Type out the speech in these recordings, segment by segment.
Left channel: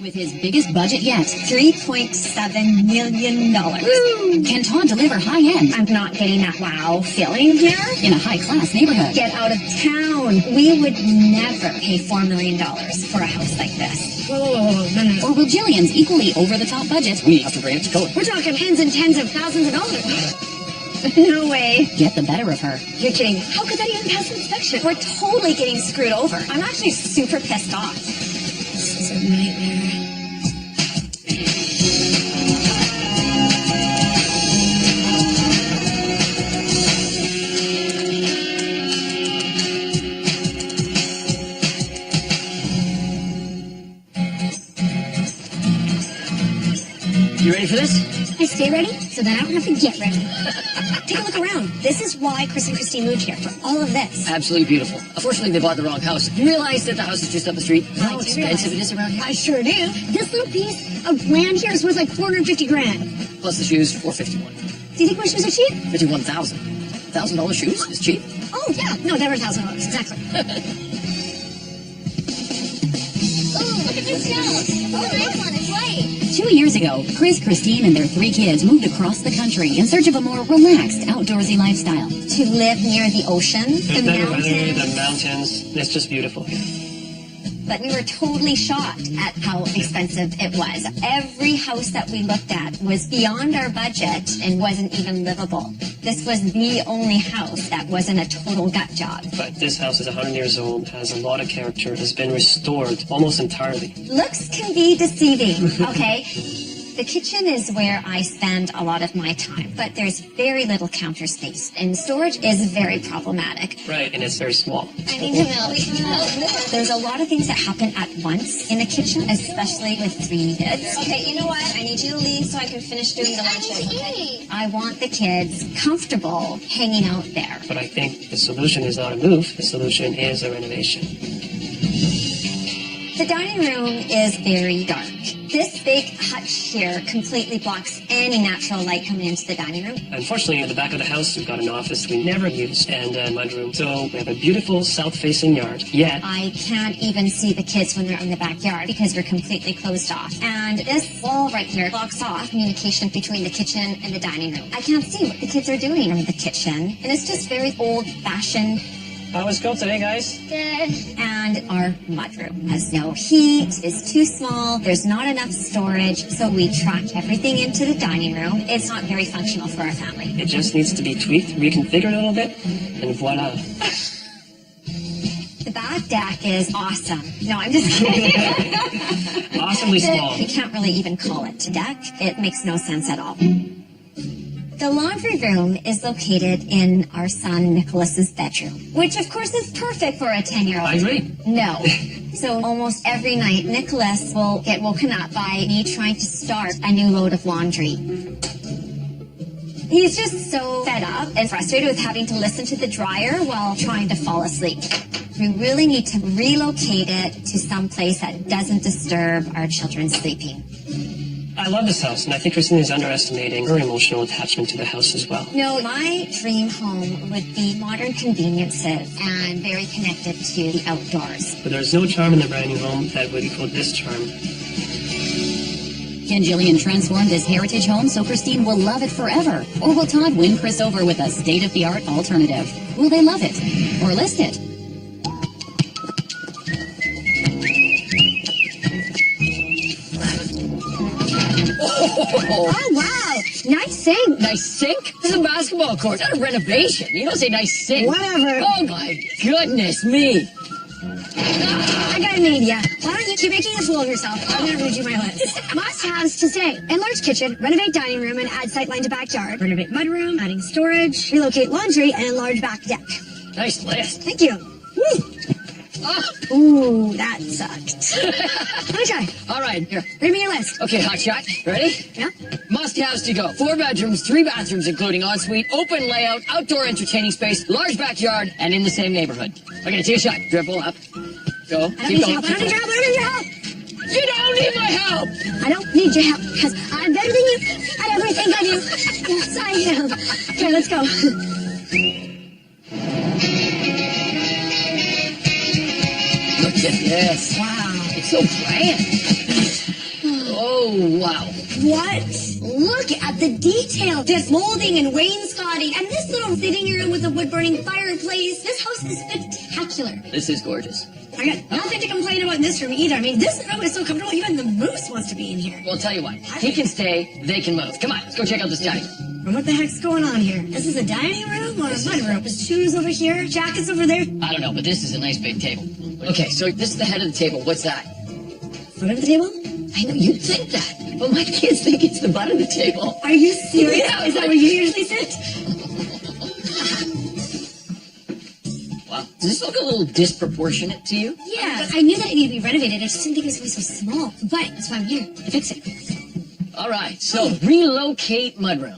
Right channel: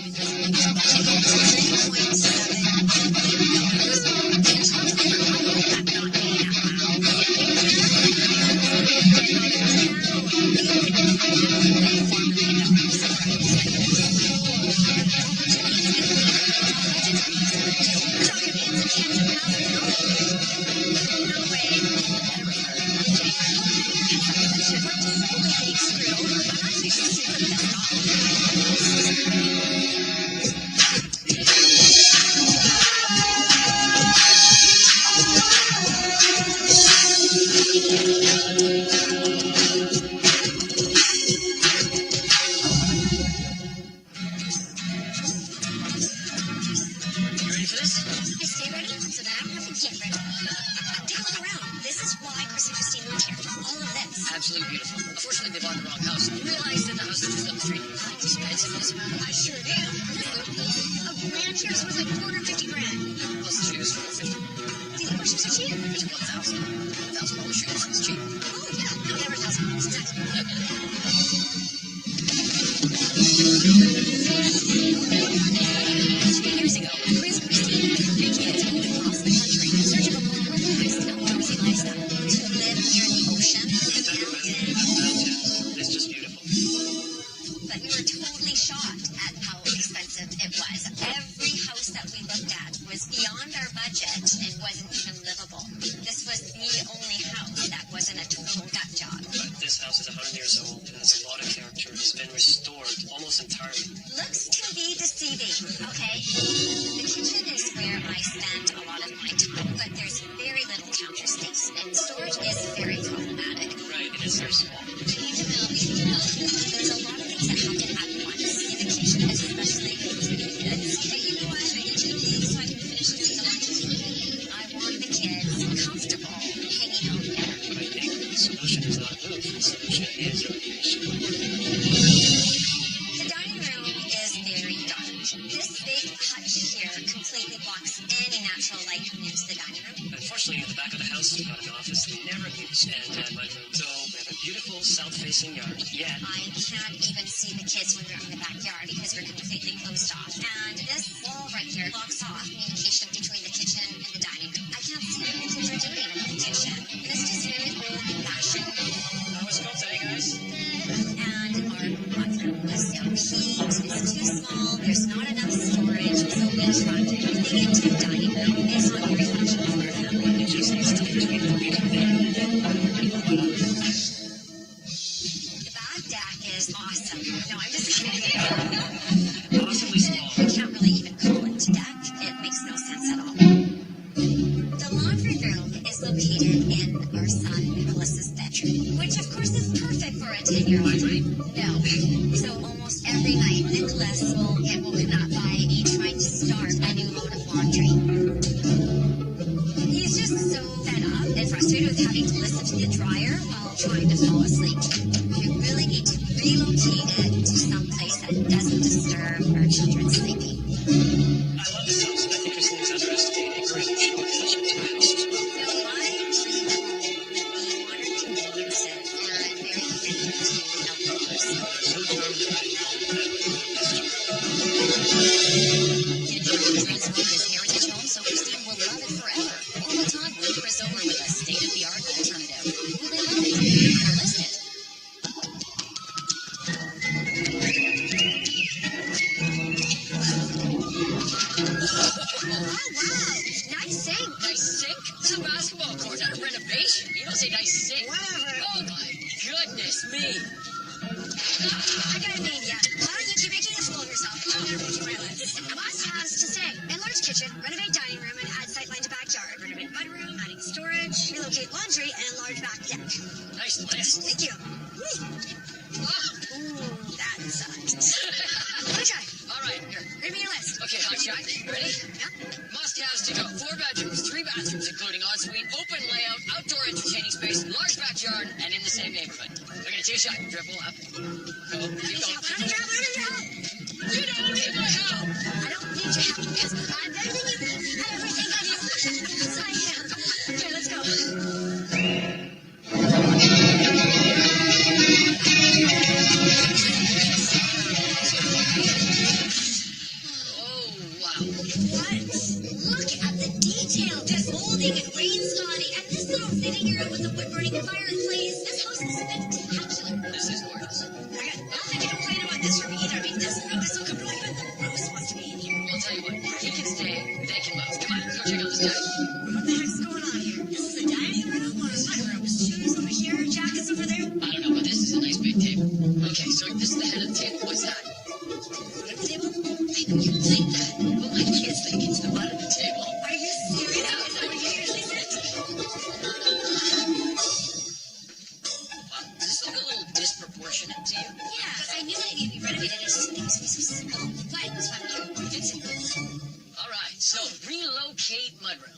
With his biggest budget yet, $3.7 million. Woo! Can Todd deliver high-end I'm not getting that wow feeling here. in a high-class neighborhood? Get out of town. We would never pay $4 million for a house like this. Whoa. Or with Jillian's equally over-the-top budget, we have to bring it to code. We're talking tens and tens of thousands of dollars. No way. Get the better of her. You're kidding. How could that even pass inspection? We're totally getting screwed over. I'm actually super pissed off. This isn't right. You ready for this? I stay ready so that I don't have to get ready. Take a look around. This is why Chris and Christine moved here, for all of this. Absolutely beautiful. Unfortunately, they bought the wrong house. You realize that the house is just up the street? How expensive it is around here? I sure do. This little piece of land here is worth like 450 grand. Plus the shoes, $451. Do you think my shoes are cheap? $51,000. $1,000 shoes? It's cheap. Oh, yeah. No, they were $1,000. Exactly. Oh, look at this house. Oh, this one is right. 2 years ago, Chris, Christine, and their 3 kids moved across the country in search of a more relaxed, outdoorsy lifestyle. To live near the ocean, the better weather, mountains. the mountains, it's just beautiful. But we were totally shocked at how expensive it was. Every house that we looked at was beyond our budget and wasn't even livable. This was the only house that wasn't a total gut job. But this house is 100 years old, has a lot of character, has been restored almost entirely. Looks can be deceiving, okay? The kitchen is where I spend a lot of my time, but there's very little counter space, and storage is very problematic. Right, and it's very small. I need to know. There's a lot of things that happen at once in the kitchen, especially with 3 kids. Okay, you know what? I need you to leave so I can finish doing the lunches, okay? I want the kids comfortable hanging out there. But I think the solution is not a move, the solution is a renovation. The dining room is very dark. This big hutch here completely blocks any natural light coming into the dining room. Unfortunately, at the back of the house, we've got an office we never use and a mudroom. So we have a beautiful south-facing yard, yet I can't even see the kids when they're in the backyard because we're completely closed off. And this wall right here blocks off communication between the kitchen and the dining room. I can't see what the kids are doing in the kitchen. And it's just very old-fashioned. how was school today, guys? And our mudroom has no heat, it's too small, there's not enough storage, so we tracked everything into the dining room. It's not very functional for our family. It just needs to be tweaked, reconfigured a little bit, and voila. The back deck is awesome. No, I'm just kidding. Awesomely small. We can't really even call it a deck. It makes no sense at all. The laundry room is located in our son Nicholas's bedroom, which of course is perfect for a 10-year-old. I agree. No. So almost every night, Nicholas will get woken up by me trying to start a new load of laundry. He's just so fed up and frustrated with having to listen to the dryer while trying to fall asleep. We really need to relocate it to some place that doesn't disturb our children sleeping. I love this house, and I think Christine is underestimating her emotional attachment to the house as well. No, my dream home would be modern conveniences and very connected to the outdoors. But there's no charm in the brand new home that would equal this charm. Can Jillian transform this heritage home so Christine will love it forever? Or will Todd win Chris over with a state-of-the-art alternative? Will they love it or list it? Oh, wow. Nice sink. Nice sink? This is a basketball court, not a renovation. You don't say nice sink. Whatever. Oh, my goodness me. I got an idea. Why don't you keep making a fool of yourself? I'm going to read you my list. Must-haves to say. Enlarge kitchen, renovate dining room, and add sightline to backyard. Renovate mudroom, adding storage, relocate laundry, and enlarge back deck. Nice list. Thank you. Woo. Ah. Ooh, that sucked. Let me try. All right, here. Read me your list. Okay, hotshot. Ready? Yeah? Must-haves to go. 4 bedrooms, 3 bathrooms, including ensuite, open layout, outdoor entertaining space, large backyard, and in the same neighborhood. Okay, take a shot. Dribble up. Go. I don't Keep need going. your help. I don't need your help. I don't need your help. You don't need my help. I don't need your help because I'm better than you at everything I do. Yes, I am. Okay, let's go. Look at this. Wow. It's so grand. Oh, wow. What? Look at the detail. This molding and wainscoting, and this little sitting room with a wood-burning fireplace. This house is spectacular. This is gorgeous. I got nothing to complain about in this room either. I mean, this room is so comfortable, even the moose wants to be in here. Well, I'll tell you what. He can stay, they can move. Come on, let's go check out this dining. What the heck's going on here? This is a dining room or a mud room? With shoes over here, jackets over there. I don't know, but this is a nice big table. Okay, so this is the head of the table. What's that? Foot of the table? I know you'd think that, but my kids think it's the butt of the table. Are you serious? Yeah. Is that where you usually sit? Wow. Does this look a little disproportionate to you? Yeah, I knew that it needed to be renovated. I just didn't think it was going to be so small. But that's why I'm here to fix it. All right, so relocate mudroom.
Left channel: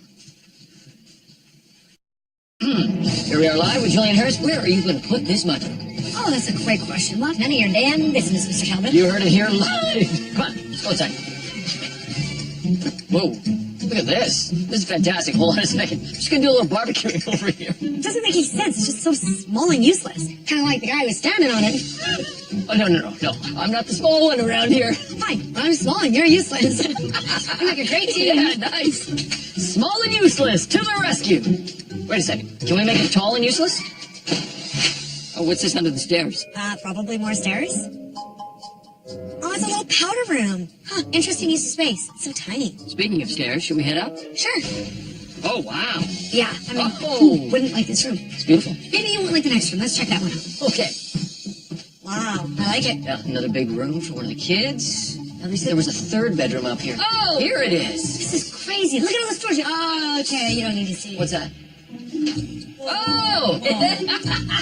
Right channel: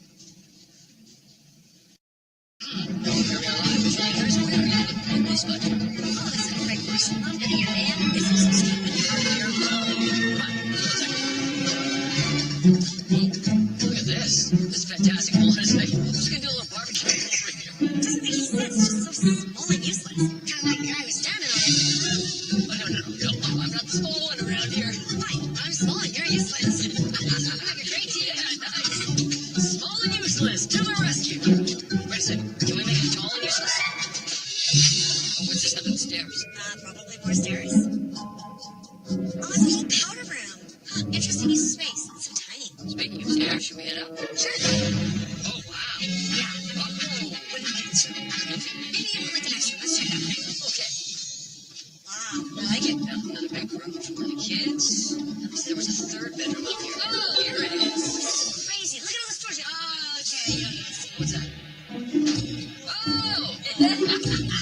Here we are live with Julian Harris. Where are you going to put this mudroom? Oh, that's a great question. Well, none of your damn business, Mr. Calvin. You heard it here live. Come on, let's go outside. Whoa, look at this. This is fantastic. Hold on a second. I'm just going to do a little barbecue over here. It doesn't make any sense. It's just so small and useless. Kind of like the guy who was standing on it. Oh, no. I'm not the small one around here. Fine, I'm small and you're useless. You make a great team. Yeah, nice. Small and useless, to the rescue. Wait a second. Can we make it tall and useless? Oh, what's this under the stairs? Probably more stairs. Oh, it's a little powder room. Huh, interesting use of space. It's so tiny. Speaking of stairs, should we head up? Sure. Oh, wow. Yeah, I mean, Oh. who wouldn't like this room? It's beautiful. Maybe you won't like the next room. Let's check that one. Okay. Wow, I like it. Now, another big room for one of the kids. Now, they said there was a third bedroom up here. Oh, here it is. This is crazy. Look at all the storage. Oh, okay, you don't need to see it. What's that? Oh!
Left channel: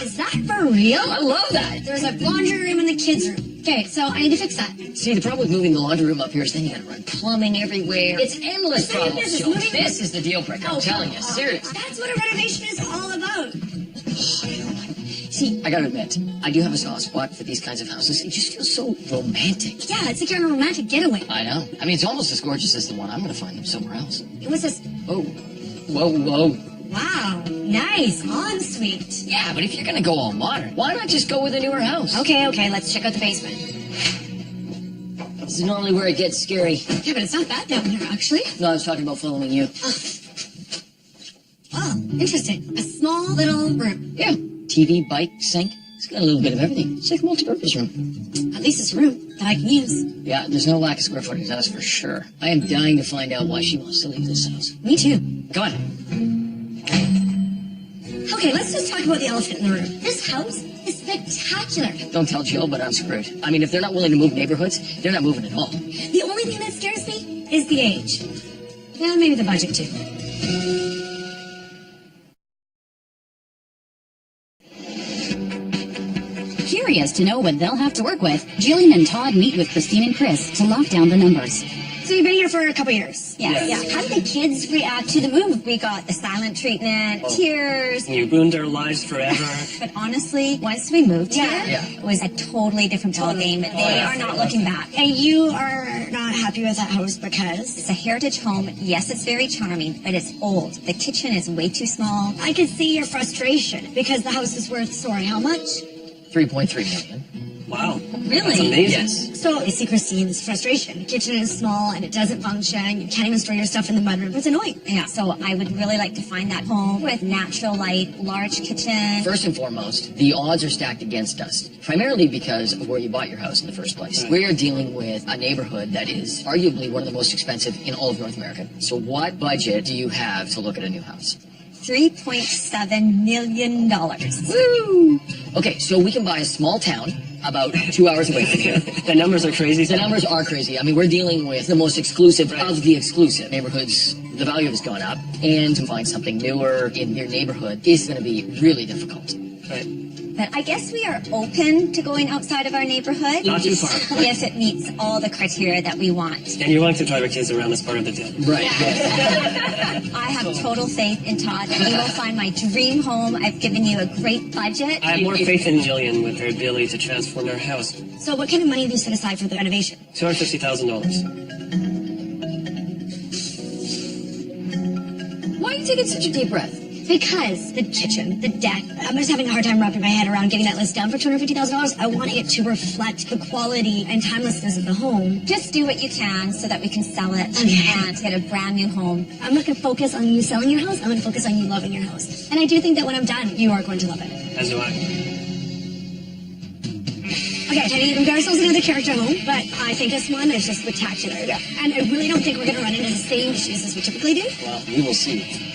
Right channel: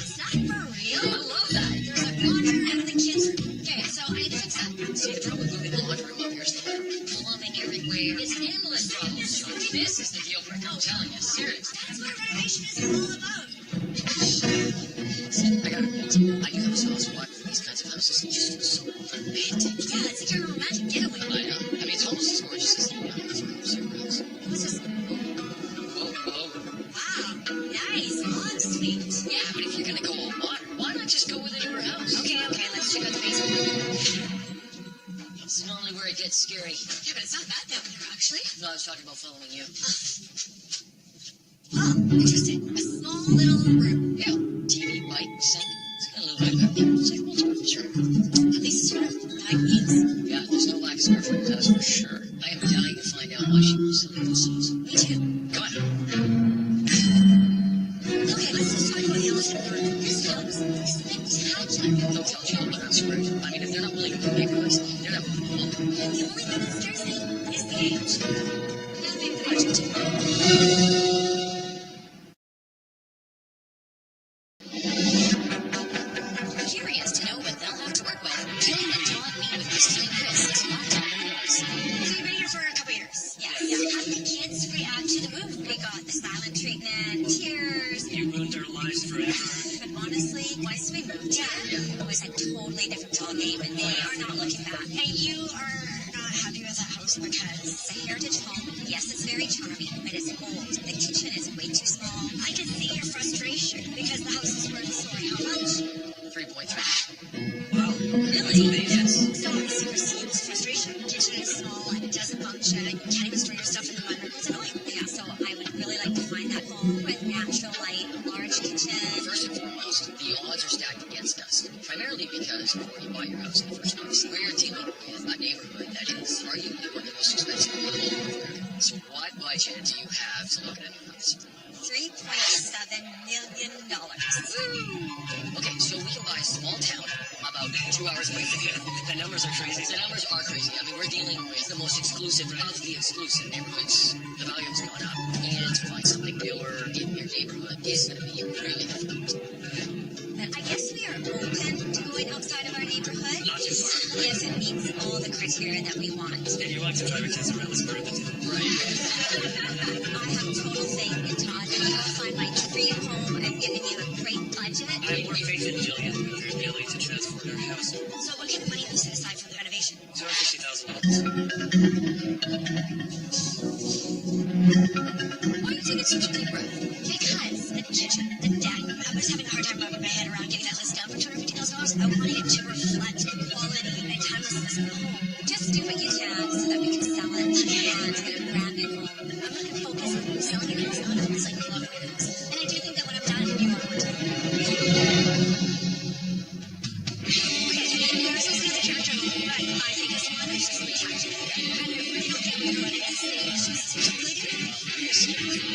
Is that for real? I love that. There's a laundry room and the kids' room. Okay, so I need to fix that. See, the problem with moving the laundry room up here is they got to run plumbing everywhere. It's endless Same problems, business. Joe. Moving- This is the deal breaker, I'm telling you. Seriously. That's what a renovation is all about. See, I gotta admit, I do have a soft spot for these kinds of houses. It just feels so romantic. Yeah, it's like you're on a romantic getaway. I know. I mean, it's almost as gorgeous as the one I'm gonna find somewhere else. And what's this? Oh. Whoa. Wow, nice. Ensuite. Yeah, but if you're gonna go all modern, why not just go with a newer house? Okay, let's check out the basement. This is normally where it gets scary. Yeah, but it's not bad down here, actually. No, I was talking about following you. Oh, interesting. A small little room. Yeah. TV, bike, sink. It's got a little bit of everything. It's like a multi-purpose room. At least it's a room that I can use. Yeah, there's no lack of square footage, that's for sure. I am dying to find out why she wants to leave this house. Me too. Come on. Okay, let's just talk about the elephant in the room. This house is spectacular. Don't tell Jill, but I'm screwed. I mean, if they're not willing to move neighborhoods, they're not moving at all. The only thing that scares me is the age. And maybe the budget too. Curious to know what they'll have to work with, Jillian and Todd meet with Christine and Chris to lock down the numbers. So you've been here for a couple years? Yeah. How did the kids react to the move? We got the silent treatment, tears. You ruined our lives forever. But honestly, once we moved here, Yeah. it was a totally different ballgame. They are not looking back. And you are not happy with that house because It's a heritage home. Yes, it's very charming, but it's old. The kitchen is way too small. I can see your frustration because the house is worth, sorry, how much? 3.3 million. Wow. Really? That's amazing. Yes. So I see Christine's frustration. The kitchen is small and it doesn't function. You can't even store your stuff in the mudroom. It's annoying. Yeah, so I would really like to find that home with natural light, large kitchen. First and foremost, the odds are stacked against us, primarily because of where you bought your house in the first place. We are dealing with a neighborhood that is arguably one of the most expensive in all of North America. So what budget do you have to look at a new house? $3.7 million. Woo! Okay, so we can buy a small town about 2 hours away from here. The numbers are crazy. The numbers are crazy. I mean, we're dealing with the most exclusive of the exclusive neighborhoods. The value has gone up, and to find something newer in your neighborhood is going to be really difficult. Right. But I guess we are open to going outside of our neighborhood. Not too far. If it meets all the criteria that we want. And you're willing to drive your kids around as part of the deal. Right. I have total faith in Todd that he will find my dream home. I've given you a great budget. I have more faith in Jillian with her ability to transform her house. So what kind of money have you set aside for the renovation? $250,000. Why are you taking such a deep breath? Because the kitchen, the deck, I'm just having a hard time wrapping my head around getting that list done for $250,000. I want it to reflect the quality and timelessness of the home. Just do what you can so that we can sell it and get a brand new home. I'm not going to focus on you selling your house. I'm going to focus on you loving your house. And I do think that when I'm done, you are going to love it. That's what Okay, Teddy, we've got ourselves another character home, but I think this one is just spectacular. Yeah. And I really don't think we're going to run into the same issues as we typically do. Well, we will see.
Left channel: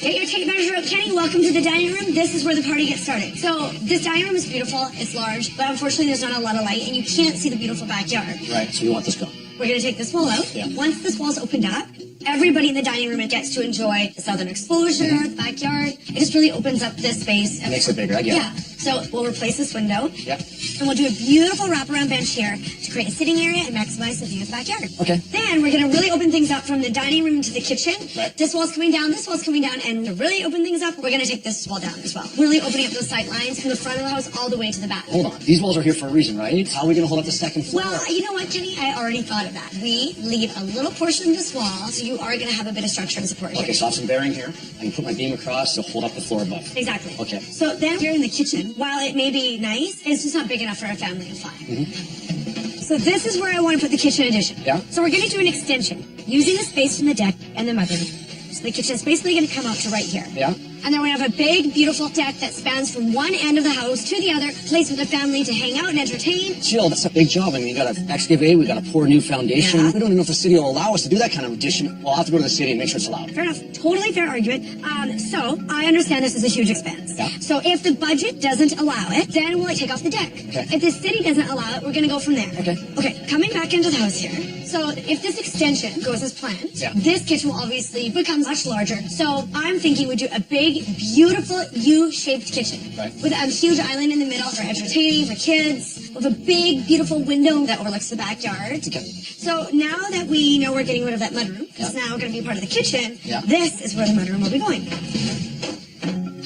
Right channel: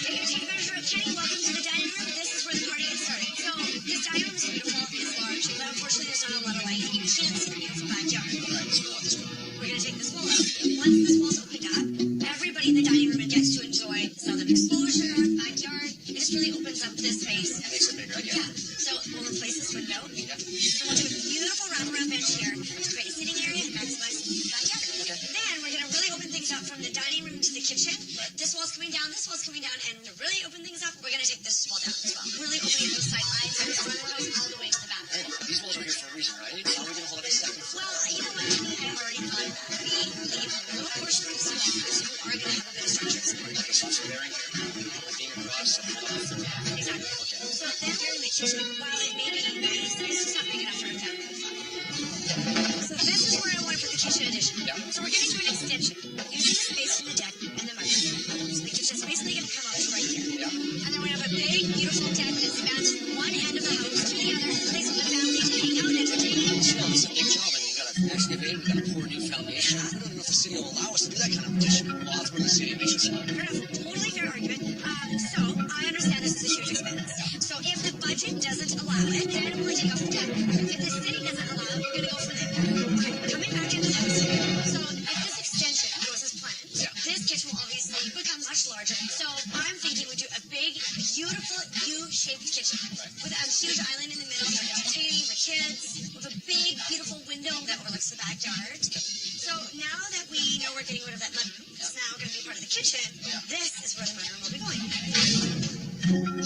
Get your tape measure up, Kenny. Welcome to the dining room. This is where the party gets started. So this dining room is beautiful. It's large, but unfortunately there's not a lot of light, and you can't see the beautiful backyard. Right, so we want this gone. We're going to take this wall out. Yeah. Once this wall's opened up, everybody in the dining room gets to enjoy the southern exposure, the backyard. It just really opens up this space. It makes it bigger, I get it. Yeah. So we'll replace this window. Yep. And we'll do a beautiful wraparound bench here to create a sitting area and maximize the view of the backyard. Okay. Then we're going to really open things up from the dining room to the kitchen. Right. This wall's coming down, this wall's coming down, and to really open things up, we're going to take this wall down as well. Really opening up those sight lines from the front of the house all the way to the back. Hold on. These walls are here for a reason, right? How are we going to hold up the second floor? Well, you know what, Jimmy? I already thought of that. We leave a little portion of this wall, so you are going to have a bit of structure and support here. Okay, so I have some bearing here, and put my beam across to hold up the floor above. Exactly. Okay. So then here in the kitchen, while it may be nice, it's just not big enough for a family of 5. So this is where I want to put the kitchen addition. Yeah. So we're going to do an extension using the space from the deck and the mudroom. So the kitchen is basically going to come out to right here. Yeah. And then we have a big, beautiful deck that spans from one end of the house to the other, place for the family to hang out and entertain. Jill, that's a big job. I mean, you got to excavate, we got to pour a new foundation. Yeah. We don't even know if the city will allow us to do that kind of addition. We'll have to go to the city and make sure it's allowed. Fair enough. Totally fair argument. So I understand this is a huge expense. Yeah. So if the budget doesn't allow it, then we'll take off the deck. Okay. If the city doesn't allow it, we're going to go from there. Okay. Okay, coming back into the house here. So if this extension goes as planned, Yeah. this kitchen will obviously become much larger. So I'm thinking we do a big, beautiful U-shaped kitchen. Right. With a huge island in the middle for entertaining, for kids. With a big, beautiful window that overlooks the backyard. Okay. So now that we know we're getting rid of that mudroom, Yeah. it's now going to be part of the kitchen. Yeah. This is where the mudroom will be going.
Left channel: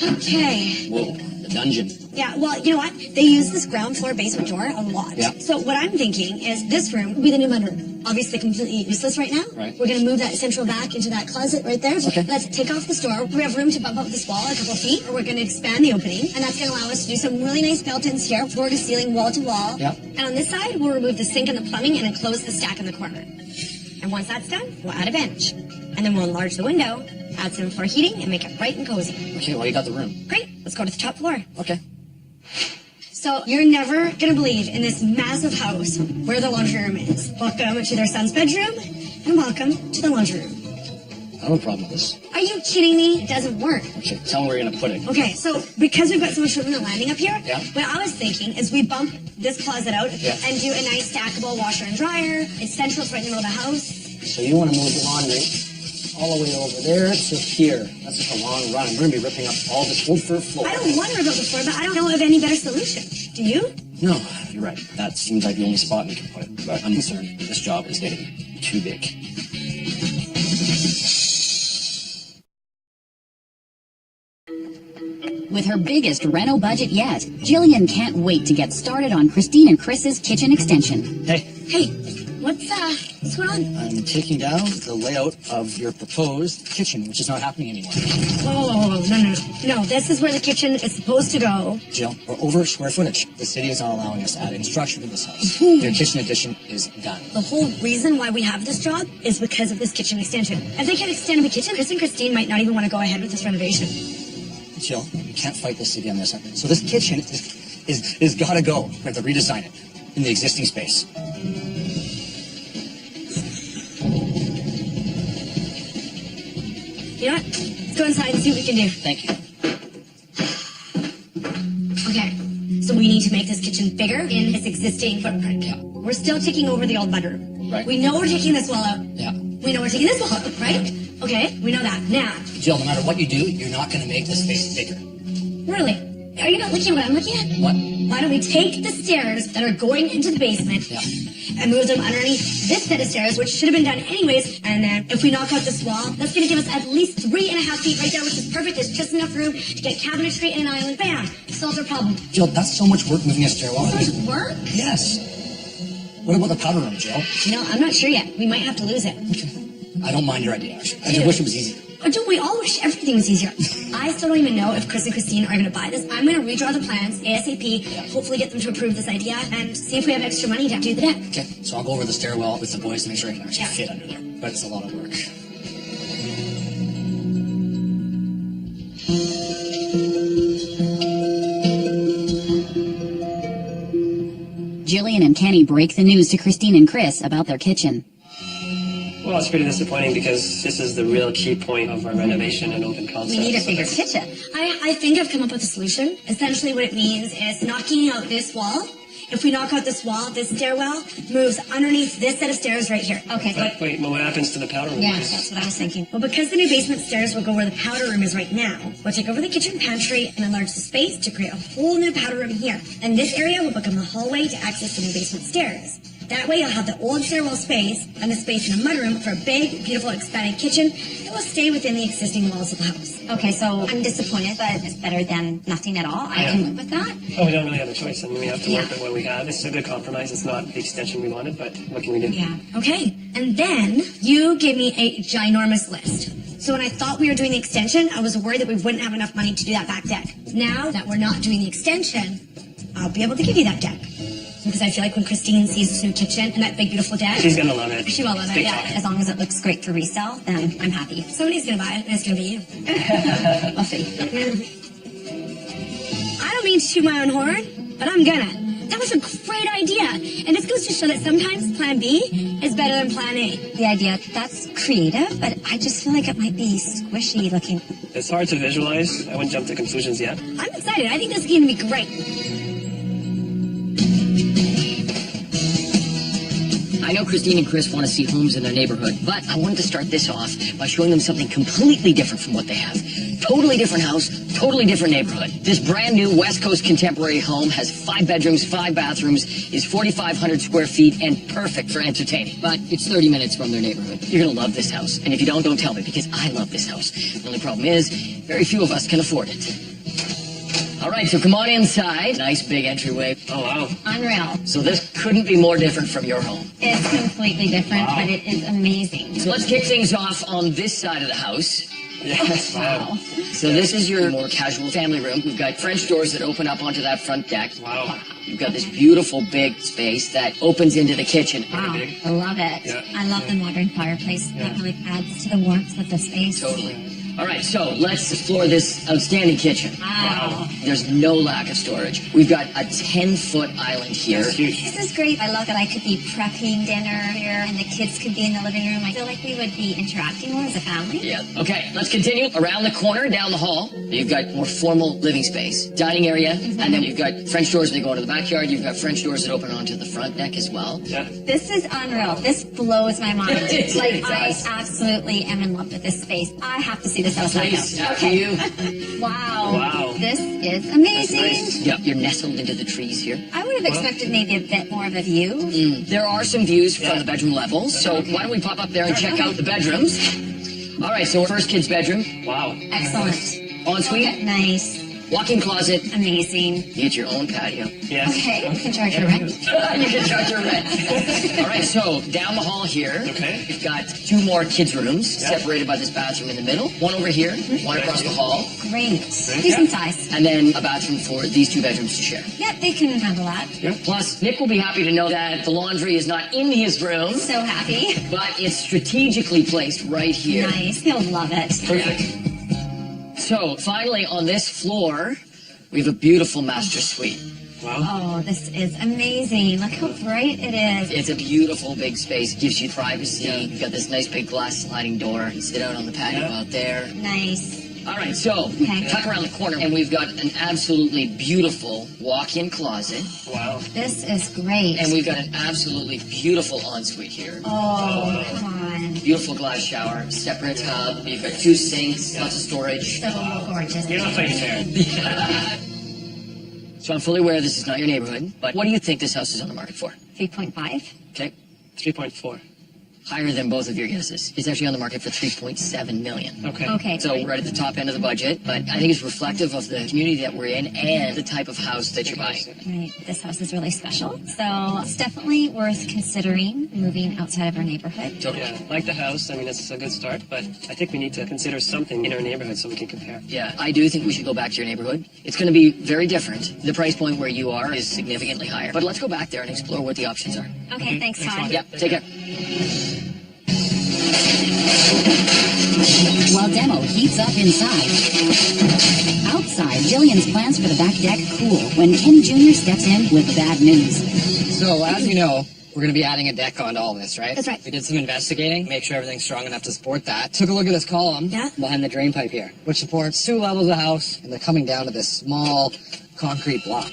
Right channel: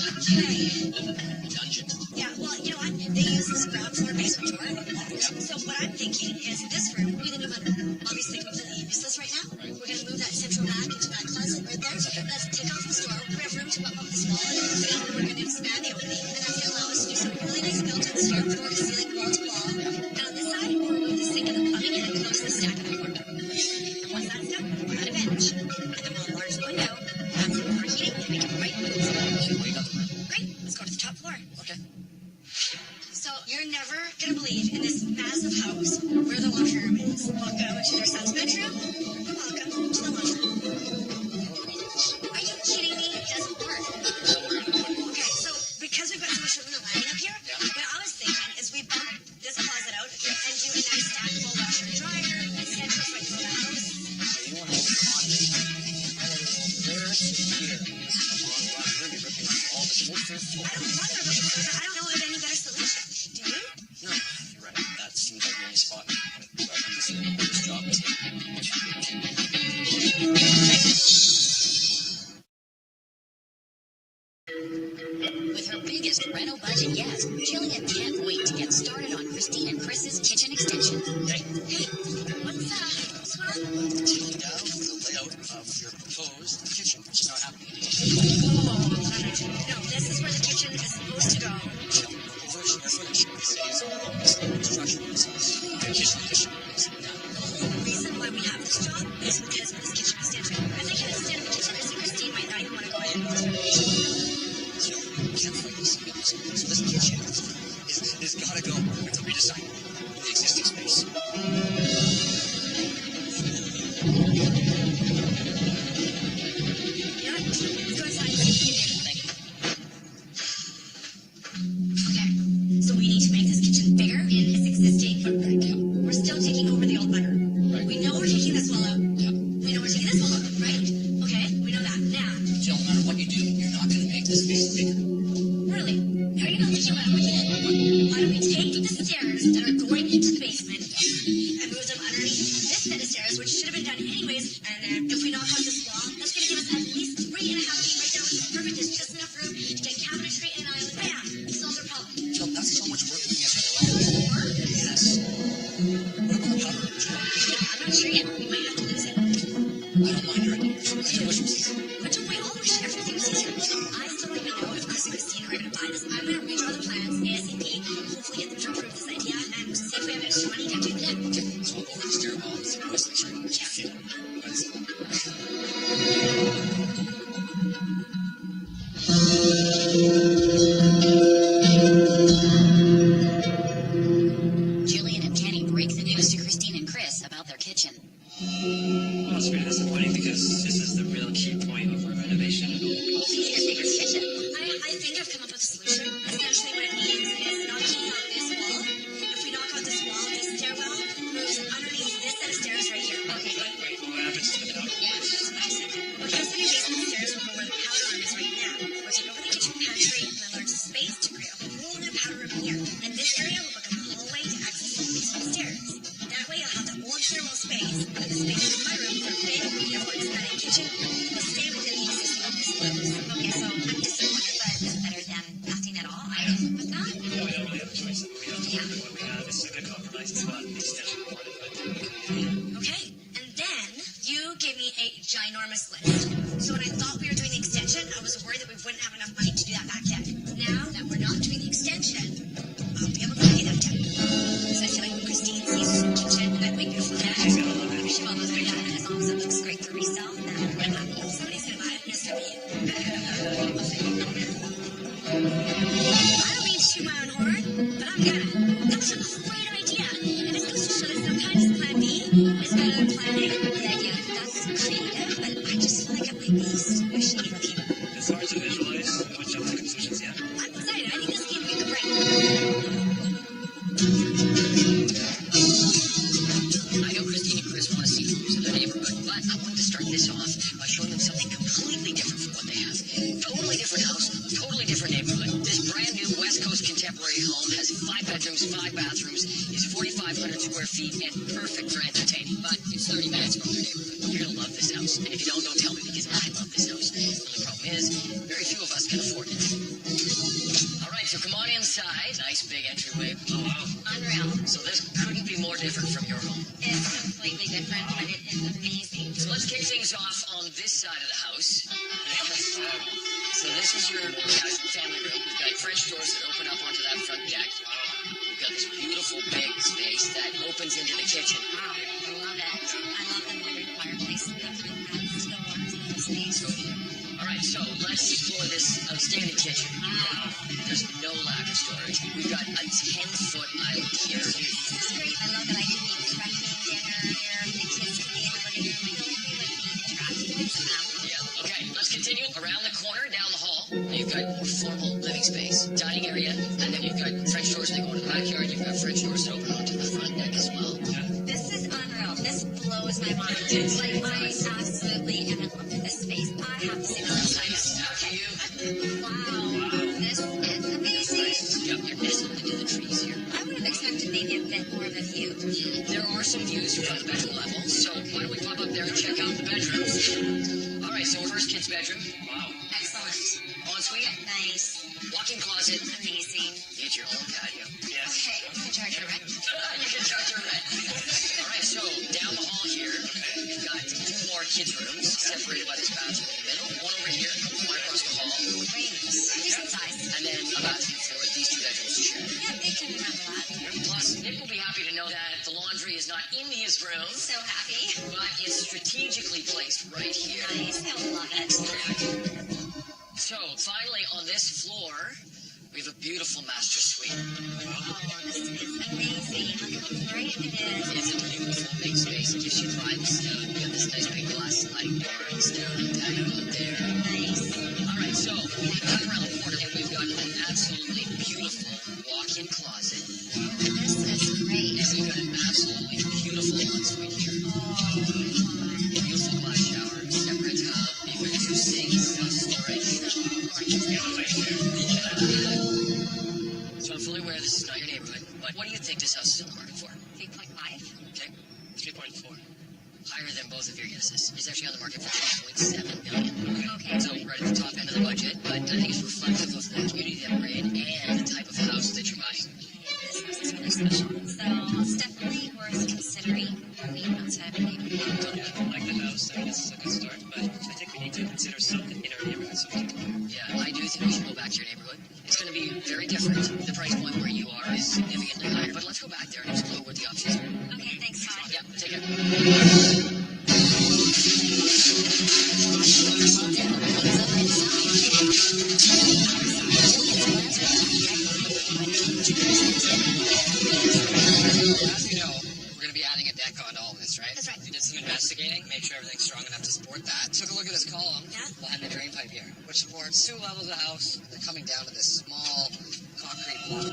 Okay. Whoa, the dungeon. Yeah, well, you know what? They use this ground floor basement door a lot. Yeah. So what I'm thinking is this room will be the new mudroom. Obviously completely useless right now. Right. We're going to move that central back into that closet right there. So Okay. let's take off this door. We have room to bump up this wall a couple feet. And we're going to expand the opening. And that's going to allow us to do some really nice built-in stair, floor to ceiling, wall to wall. Yeah. And on this side, we'll remove the sink and the plumbing and enclose the stack in the corner. And once that's done, we'll add a bench. And then we'll enlarge the window, add some for heating, and make it bright and cozy. Okay, well, you got the room. Great, let's go to the top floor. Okay. So you're never gonna believe in this massive house where the laundry room is. Welcome to their son's bedroom, and welcome to the laundry room. I have a problem with this. Are you kidding me? It doesn't work. So tell me where you're going to put it. Okay, so because we've got so much room in the landing up here, Yeah. what I was thinking is we bump this closet out Yeah. and do a nice stackable washer and dryer. It's central, it's right in the middle of the house. So you want to move the laundry all the way over there to here. That's just a long run. We're going to be ripping up all this whole third floor. I don't wonder about the floor, but I don't know of any better solution. Do you? No, you're right. That seems like the only spot we can put it. But I'm concerned this job is getting too big. With her biggest reno budget yet, Jillian can't wait to get started on Christine and Chris's kitchen extension. Hey, Hey, what's going on? I'm taking down the layout of your proposed kitchen, which is not happening anymore. Whoa, no. No, this is where the kitchen is supposed to go. Jill, we're over square footage. The city is not allowing us to add any structure to this house. Your kitchen addition is done. The whole reason why we have this job is because of this kitchen extension. If they can extend the kitchen, Chris and Christine might not even want to go ahead with this renovation. Jill, you can't fight this city on this. So this kitchen is gotta go. We have to redesign it in the existing space. You know what? Let's go inside and see what we can do. Thank you. Okay, so we need to make this kitchen bigger in its existing footprint. Yeah. We're still taking over the old mudroom. Right. We know we're taking this wall out. Yeah. We know we're taking this wall out, right? Okay, we know that. Now, Jill, no matter what you do, you're not gonna make this space bigger. really, are you not looking at what I'm looking at? What? Why don't we take the stairs that are going into the basement Yeah. and move them underneath this set of stairs, which should have been done anyways, and then if we knock out this wall, that's going to give us at least 3.5 feet right there, which is perfect. There's just enough room to get cabinetry and an island. Bam! Solves our problem. Jill, that's so much work moving a stairwell. Does it work? Yes. What about the powder room, Jill? You know, I'm not sure yet. We might have to lose it. I don't mind your idea. I just wish it was easy. Or don't we all wish everything was easier? I still don't even know if Chris and Christine are going to buy this. I'm going to redraw the plans ASAP, hopefully get them to approve this idea, and see if we have extra money to do the deck. Okay, so I'll go over the stairwell with the boys to make sure I can actually fit under there. But it's a lot of work. Jillian and Kenny break the news to Christine and Chris about their kitchen. Well, it's pretty disappointing because this is the real key point of our renovation and open concept. We need a bigger kitchen. I think I've come up with a solution. Essentially what it means is knocking out this wall. If we knock out this wall, this stairwell moves underneath this set of stairs right here. Okay. But wait, well, what happens to the powder room? Yeah, that's what I was thinking. Well, because the new basement stairs will go where the powder room is right now, we'll take over the kitchen pantry and enlarge the space to create a whole new powder room here. And this area will become a hallway to access the new basement stairs. That way you'll have the old stairwell space and the space in a mudroom for a big, beautiful, expanded kitchen that will stay within the existing walls of the house. Okay, so I'm disappointed, but it's better than nothing at all. I can live with that. Well, we don't really have a choice. I mean, we have to work with what we have. This is a good compromise. It's not the extension we wanted, but what can we do? Yeah. Okay, and then you give me a ginormous list. So when I thought we were doing the extension, I was worried that we wouldn't have enough money to do that back deck. Now that we're not doing the extension, I'll be able to give you that deck. Because I feel like when Christine sees this new kitchen and that big, beautiful deck, She's going to love it. she will love it. Big Yeah. time. As long as it looks great for resale, then I'm happy. Somebody's gonna buy it, and it's gonna be you. I'll see. I don't mean to toot my own horn, but I'm gonna. That was a great idea. And this goes to show that sometimes plan B is better than plan A. The idea, that's creative, but I just feel like it might be squishy looking. It's hard to visualize. I wouldn't jump to conclusions yet. I'm excited. I think this is gonna be great. I know Christine and Chris want to see homes in their neighborhood, but I wanted to start this off by showing them something completely different from what they have. Totally different house, totally different neighborhood. This brand new West Coast contemporary home has 5 bedrooms, 5 bathrooms, is 4,500 square feet, and perfect for entertaining. But it's 30 minutes from their neighborhood. You're going to love this house. And if you don't tell me, because I love this house. The only problem is, very few of us can afford it. All right, so come on inside. Nice big entryway. Oh, wow. Unreal. So this couldn't be more different from your home. It's completely different, but it is amazing. So let's kick things off on this side of the house. Yes. Wow. So this is your more casual family room. We've got French doors that open up onto that front deck. Wow. You've got this beautiful big space that opens into the kitchen. Wow, I love it. Yeah. I love the modern fireplace. That really adds to the warmth of the space. Totally. All right, so let's explore this outstanding kitchen. Wow. There's no lack of storage. We've got a 10-foot island here. It's huge. This is great. I love that I could be prepping dinner here and the kids could be in the living room. I feel like we would be interacting more as a family. Yeah. Okay, let's continue. Around the corner, down the hall, you've got more formal living space. Dining area, and then you've got French doors that go into the backyard. You've got French doors that open onto the front deck as well. Yeah. This is unreal. This blows my mind. It Like, I does. absolutely am in love with this space. I have to see this outside. Please, after you. Wow. Wow. This is amazing. Nice. Yep, you're nestled into the trees here. I would have expected maybe a bit more of a view. There are some views from the bedroom levels, so why don't we pop up there and check out the bedrooms? All right, so first kid's bedroom, Wow. Excellent. ensuite, Nice. walk-in closet, Amazing. you get your own patio. Yes. Okay, you can charge your rent. You can charge your rent. All right, so down the hall here, Okay. we've got 2 more kids' rooms separated by this bathroom in the middle. One over here, one across the hall, Great. Decent size. and then a bathroom for these 2 bedrooms to share. Yep, they can handle that. Plus, Nick will be happy to know that the laundry is not in his room, So happy. but it's strategically placed right here. Nice. He'll love it. Perfect. So, finally, on this floor, we have a beautiful master suite. Wow. Oh, this is amazing. Look how bright it is. It's a beautiful big space. Gives you privacy. You've got this nice big glass sliding door. Sit out on the patio out there. Nice. All right, so Okay. cut around the corner, and we've got an absolutely beautiful walk-in closet, Wow. This is great. and we've got an absolutely beautiful ensuite here. Oh, come on. Beautiful glass shower, separate tub. You've got 2 sinks, lots of storage. So gorgeous. You don't play fair. So I'm fully aware this is not your neighborhood, but what do you think this house is on the market for? 3.5. Okay. 3.4. Higher than both of your guesses. It's actually on the market for $3.7 million. Okay. So we're at the top end of the budget, but I think it's reflective of the community that we're in and the type of house that you're buying. Right. This house is really special. So it's definitely worth considering moving outside of our neighborhood. Totally. Yeah, I like the house. I mean, it's a good start, but I think we need to consider something in our neighborhood so we can compare. Yeah, I do think we should go back to your neighborhood. It's going to be very different. The price point where you are is significantly higher. But let's go back there and explore what the options are. Okay, thanks, Todd. Yep, take care. While demo heats up inside. Outside, Jillian's plans for the back deck cool when Ken Jr. steps in with bad news. So, as you know, we're going to be adding a deck onto all this, right? That's right. We did some investigating, make sure everything's strong enough to support that. Took a look at this column behind the drain pipe here, which supports 2 levels of the house, and they're coming down to this small concrete block.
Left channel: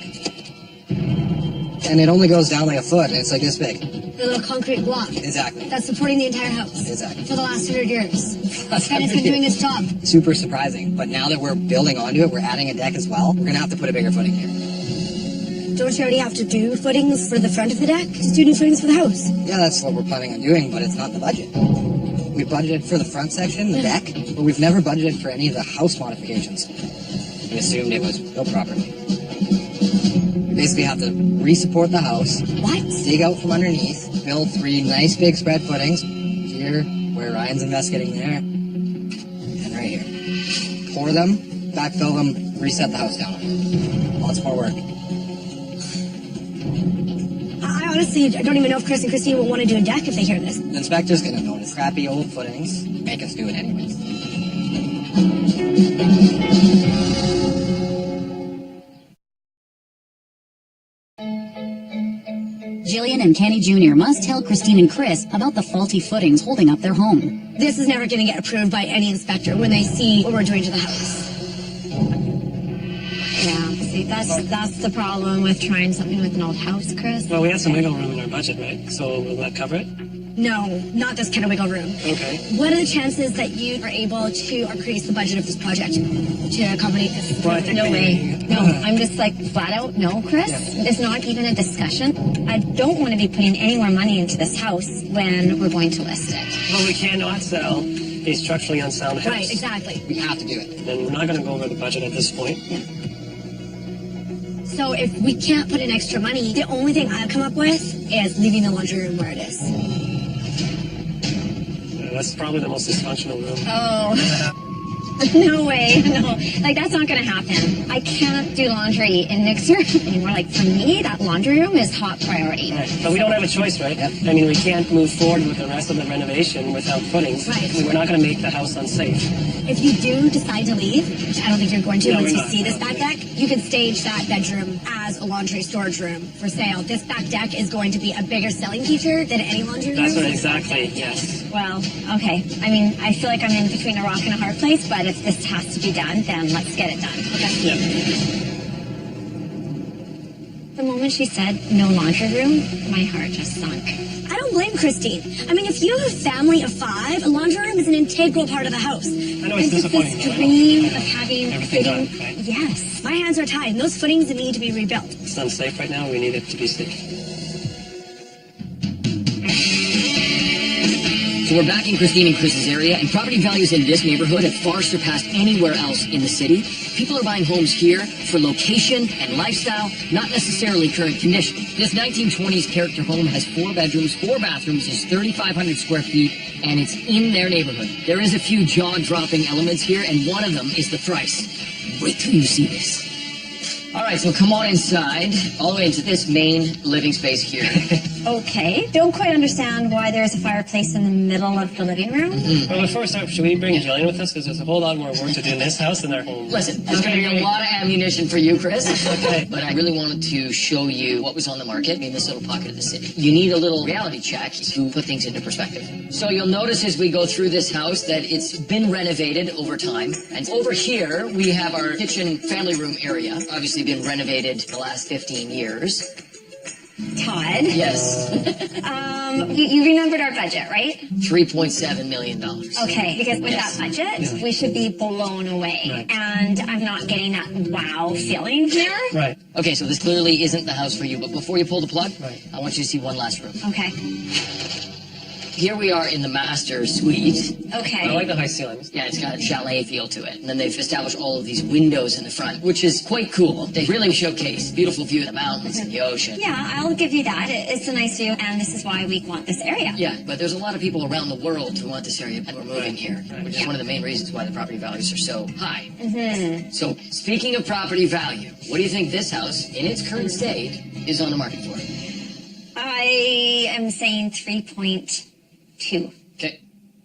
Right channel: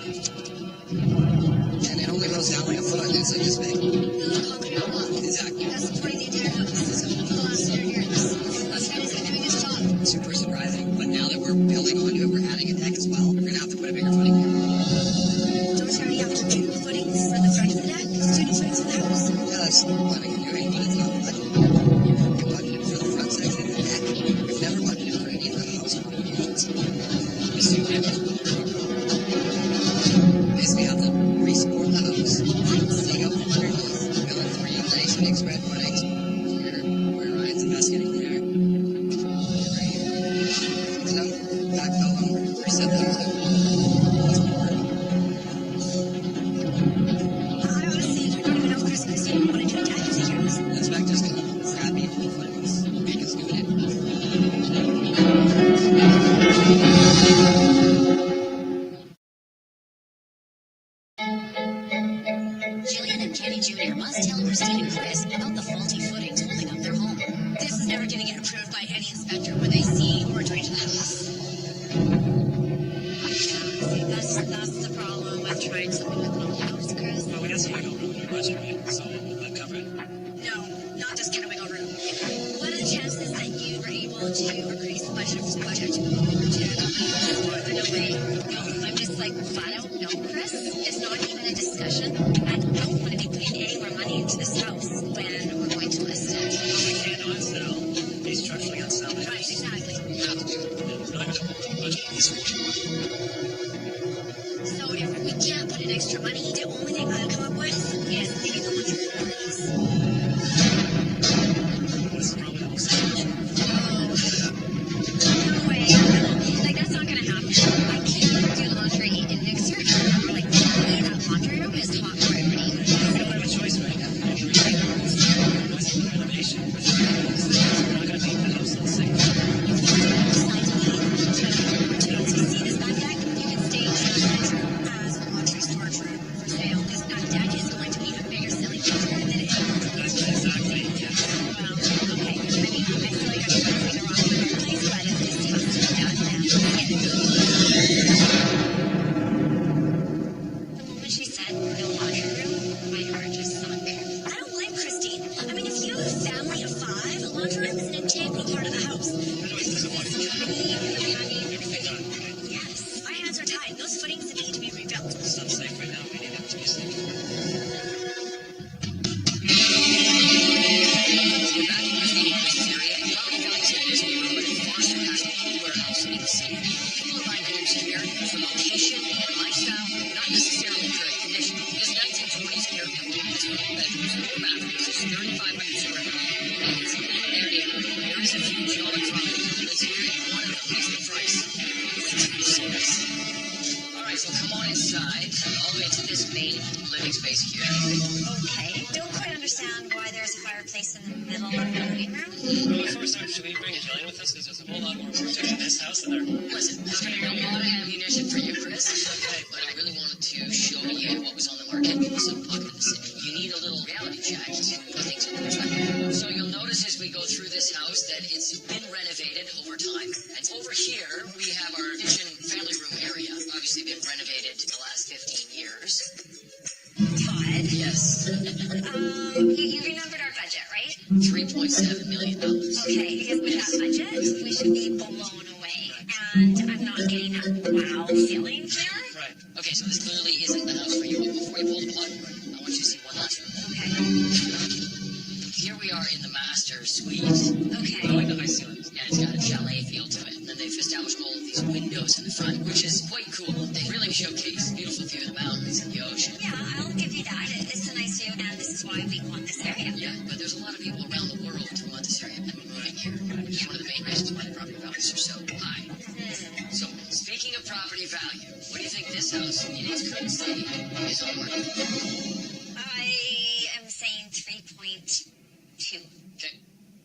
And it only goes down like a foot, and it's like this big. The little concrete block. Exactly. That's supporting the entire house. Exactly. For the last 100 years. And it's been doing its job. Super surprising. But now that we're building onto it, we're adding a deck as well. We're going to have to put a bigger footing here. Don't you already have to do footings for the front of the deck? Just do new footings for the house. Yeah, that's what we're planning on doing, but it's not the budget. We budgeted for the front section, the deck, but we've never budgeted for any of the house modifications. We assumed it was no property. Basically have to re-support the house, dig out from underneath, build 3 nice big spread footings, here, where Ryan's investigating there, and right here. Pour them, backfill them, reset the house down. Lots more work. I honestly don't even know if Chris and Christine will want to do a deck if they hear this. The inspector's gonna know crappy old footings make us do it anyways. Jillian and Kenny Jr. must tell Christine and Chris about the faulty footings holding up their home. This is never going to get approved by any inspector when they see what we're doing to the house. Yeah, see, that's the problem with trying something with an old house, Chris. Well, we have some wiggle room in our budget, right? So will that cover it? No, not this kind of wiggle room. Okay. What are the chances that you are able to increase the budget of this project to accommodate this? Well, I think No way. No, I'm just like flat out no, Chris. It's not even a discussion. I don't want to be putting any more money into this house when we're going to list it. Well, we cannot sell a structurally unsound house. Right, exactly. We have to do it. And we're not going to go over the budget at this point. So if we can't put in extra money, the only thing I've come up with is leaving the laundry room where it is. That's probably the most dysfunctional room. Oh. No way. No. Like, that's not going to happen. I can't do laundry in Nick's room. We're like, to me, that laundry room is top priority. Right. But we don't have a choice, right? I mean, we can't move forward with the rest of the renovation without footings. We're not going to make the house unsafe. If you do decide to leave, which I don't think you're going to No, once we're you not. see this back deck, you can stage that bedroom as a laundry storage room for sale. This back deck is going to be a bigger selling feature than any laundry room. That's what exactly, yes. Well, okay. I mean, I feel like I'm in between a rock and a hard place, but if this has to be done, then let's get it done. The moment she said no laundry room, my heart just sunk. I don't blame Christine. I mean, if you have a family of 5, a laundry room is an integral part of the house. I know And it's with this disappointing. dream of having Everything done, fitting- right? Yes, my hands are tied, and those footings need to be rebuilt. It's unsafe right now. We need it to be safe. So we're back in Christine and Chris's area, and property values in this neighborhood have far surpassed anywhere else in the city. People are buying homes here for location and lifestyle, not necessarily current condition. This 1920s character home has 4 bedrooms, 4 bathrooms, is 3,500 square feet, and it's in their neighborhood. There is a few jaw-dropping elements here, and one of them is the price. Wait till you see this. All right, so come on inside, all the way into this main living space here. Okay. Don't quite understand why there's a fireplace in the middle of the living room. Well, before we start, should we bring Jillian with us? Because there's a whole lot more work to do in this house than our home. Listen, there's going to be a lot of ammunition for you, Chris. Okay. But I really wanted to show you what was on the market in this little pocket of the city. You need a little reality check to put things into perspective. So you'll notice as we go through this house that it's been renovated over time. And over here, we have our kitchen family room area. Obviously been renovated the last 15 years. Todd, Yes. you remembered our budget, right? $3.7 million. Okay, because with Yes. that budget, we should be blown away. Right. And I'm not getting that wow feeling here. Right. Okay, so this clearly isn't the house for you, but before you pull the plug, Right. I want you to see one last room. Okay. Here we are in the master suite. Okay. I like the high ceilings. Yeah, it's got a chalet feel to it. And then they've established all of these windows in the front, which is quite cool. They really showcase beautiful view of the mountains and the ocean. Yeah, I'll give you that. It's a nice view, and this is why we want this area. Yeah, but there's a lot of people around the world who want this area and we're moving here, which is one of the main reasons why the property values are so high. So, speaking of property value, what do you think this house, in its current state, is on the market for? I am saying 3.2. Okay.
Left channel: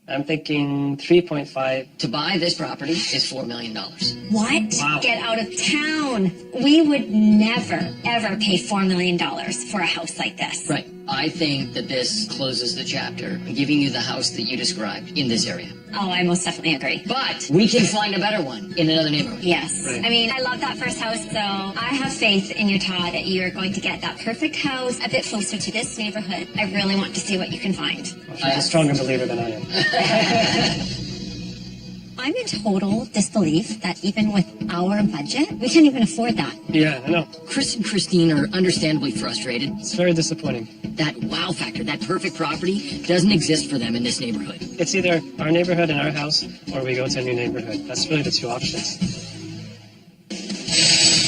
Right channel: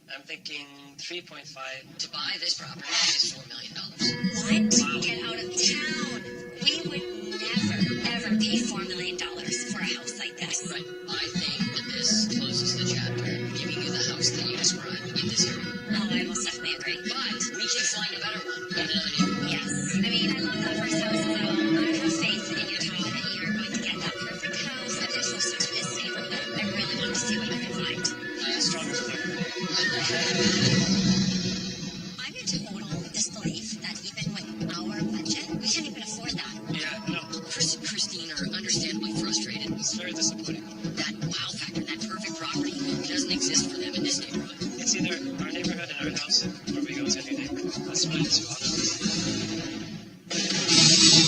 I'm thinking 3.5. To buy this property is $4 million. What? Wow. Get out of town. We would never, ever pay $4 million for a house like this. Right. I think that this closes the chapter, giving you the house that you described in this area. Oh, I most definitely agree. But we can find a better one in another neighborhood. Yes. I mean, I love that first house, so I have faith in you, Todd, that you are going to get that perfect house a bit closer to this neighborhood. I really want to see what you can find. I'm a stronger believer than I am. I'm in total disbelief that even with our budget, we can't even afford that. Yeah, I know. Chris and Christine are understandably frustrated. It's very disappointing. That wow factor, that perfect property, doesn't exist for them in this neighborhood. It's either our neighborhood and our house, or we go to a new neighborhood. That's really the two options.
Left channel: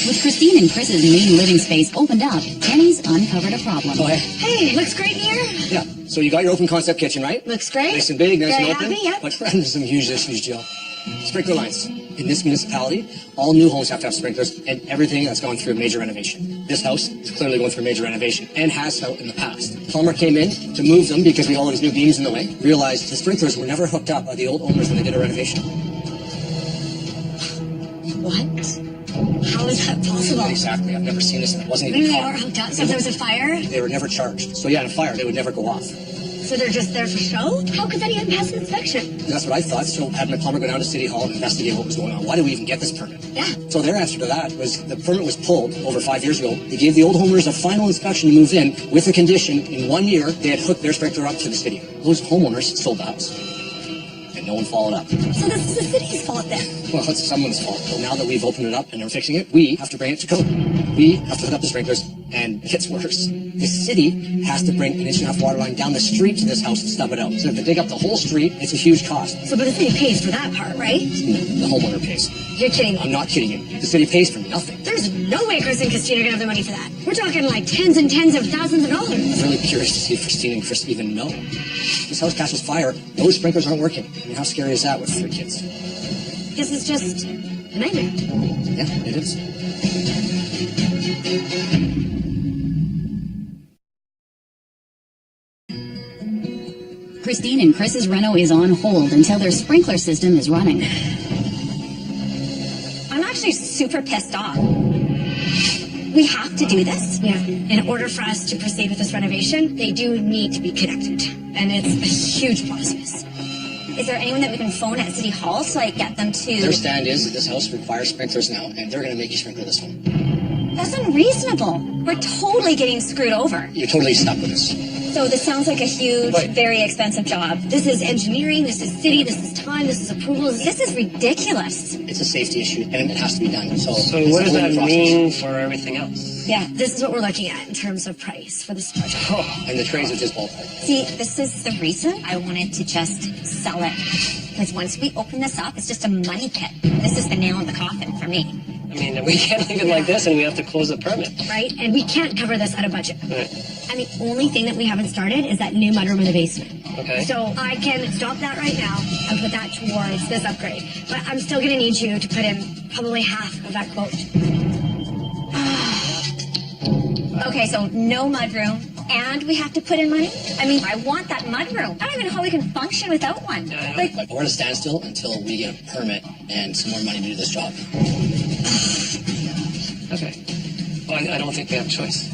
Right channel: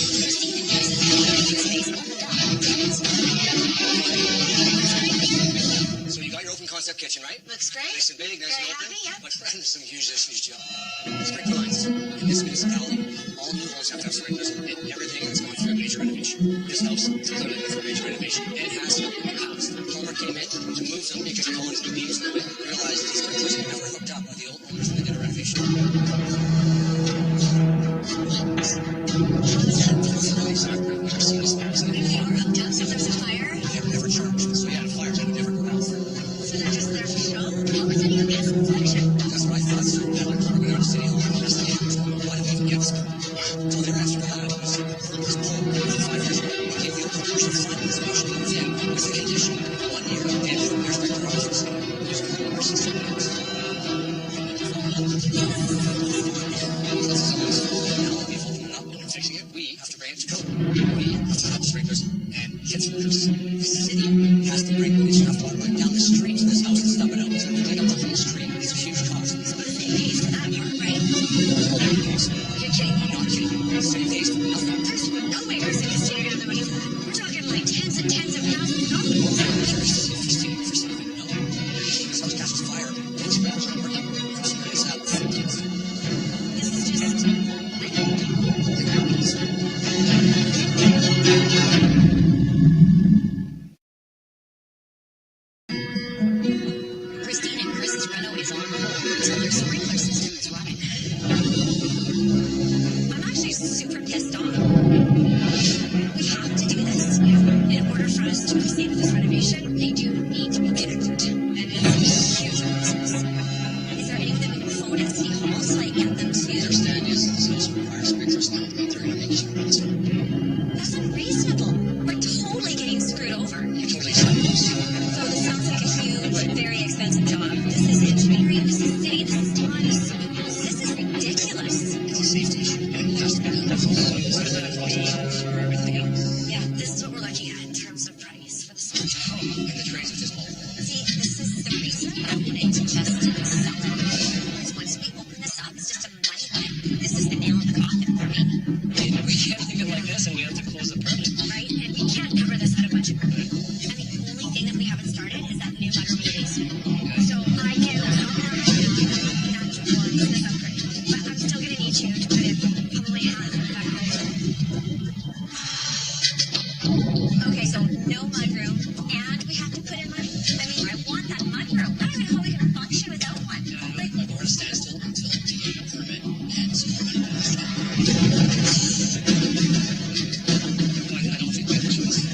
With Christine and Chris's main living space opened up, Kenny's uncovered a problem. Hey, looks great here. Yeah. So you got your open concept kitchen, right? Looks great. Nice and big, nice Very and open. happy, yeah. But there's some huge issues, Jill. Sprinkler lines. In this municipality, all new homes have to have sprinklers, and everything has gone through a major renovation. This house is clearly going through a major renovation, and has felt in the past. Plumber came in to move them because we had all these new beams in the way. Realized the sprinklers were never hooked up by the old owners when they did a renovation. What? How is that possible? Exactly. I've never seen this. It wasn't Maybe even they were hooked up, so if there was a fire, They were never charged. So yeah, in a fire, they would never go off. so they're just there for show? How could that even pass an inspection? That's what I thought. So having a plumber go down to City Hall and investigate what was going on. Why did we even get this permit? Yeah. So their answer to that was the permit was pulled over 5 years ago. They gave the old homeowners a final inspection to move in with the condition in 1 year they had hooked their sprinkler up to the city. Those homeowners sold the house. And no one followed up. So this is the city's fault then. Well, it's someone's fault. But now that we've opened it up and are fixing it, we have to bring it to code. We have to hook up the sprinklers, and it's worse. The city has to bring an 1.5-inch water line down the street to this house and stub it out. So if they dig up the whole street, it's a huge cost. So but the city pays for that part, right? The homeowner pays. You're kidding I'm me. not kidding you. The city pays for nothing. There's no way Chris and Christine are gonna have the money for that. We're talking like tens and tens of thousands of dollars. I'm really curious to see if Christine and Chris even know. This house catches fire. Those sprinklers aren't working. I mean, how scary is that with 3 kids? This is just a nightmare. Yeah, it is. Christine and Chris's reno is on hold until their sprinkler system is running. I'm actually super pissed off. We have to do this. Yeah. In order for us to proceed with this renovation, they do need to be connected. And it's a huge process. Is there anyone that we can phone at City Hall to like get them to... Their stand is this house requires sprinklers now, and they're going to make you sprinkle this one. That's unreasonable. We're totally getting screwed over. You're totally stuck with this. So this sounds like a huge, very expensive job. This is engineering, this is city, this is time, this is approvals. This is ridiculous. It's a safety issue, and it has to be done. So what does that mean for everything else? Yeah, this is what we're looking at in terms of price for this project. And the trays are just ballpark. See, this is the reason I wanted to just sell it. Because once we open this up, it's just a money pit. This is the nail in the coffin for me. I mean, we can't leave it like this, and we have to close the permit. Right? And we can't cover this out of budget. Right. And the only thing that we haven't started is that new mudroom in the basement. Okay. So I can stop that right now and put that towards this upgrade. But I'm still going to need you to put in probably half of that quote. Okay, so no mudroom, and we have to put in money? I mean, I want that mudroom. I don't even know how we can function without one. Like, We're at a standstill until we get a permit and some more money to do this job. Okay. Well, I don't think we have a choice.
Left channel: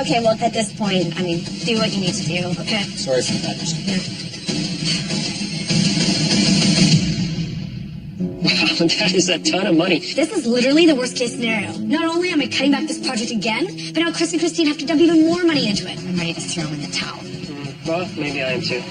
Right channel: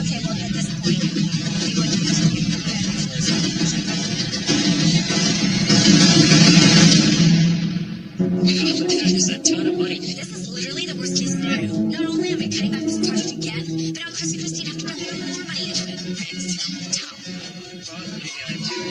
okay, well, at this point, I mean, do what you need to do, okay? Sorry for that. Wow, that is a ton of money. This is literally the worst case scenario. Not only am I cutting back this project again, but now Chris and Christine have to dump even more money into it. I'm ready to throw in the towel. Well, maybe I am too.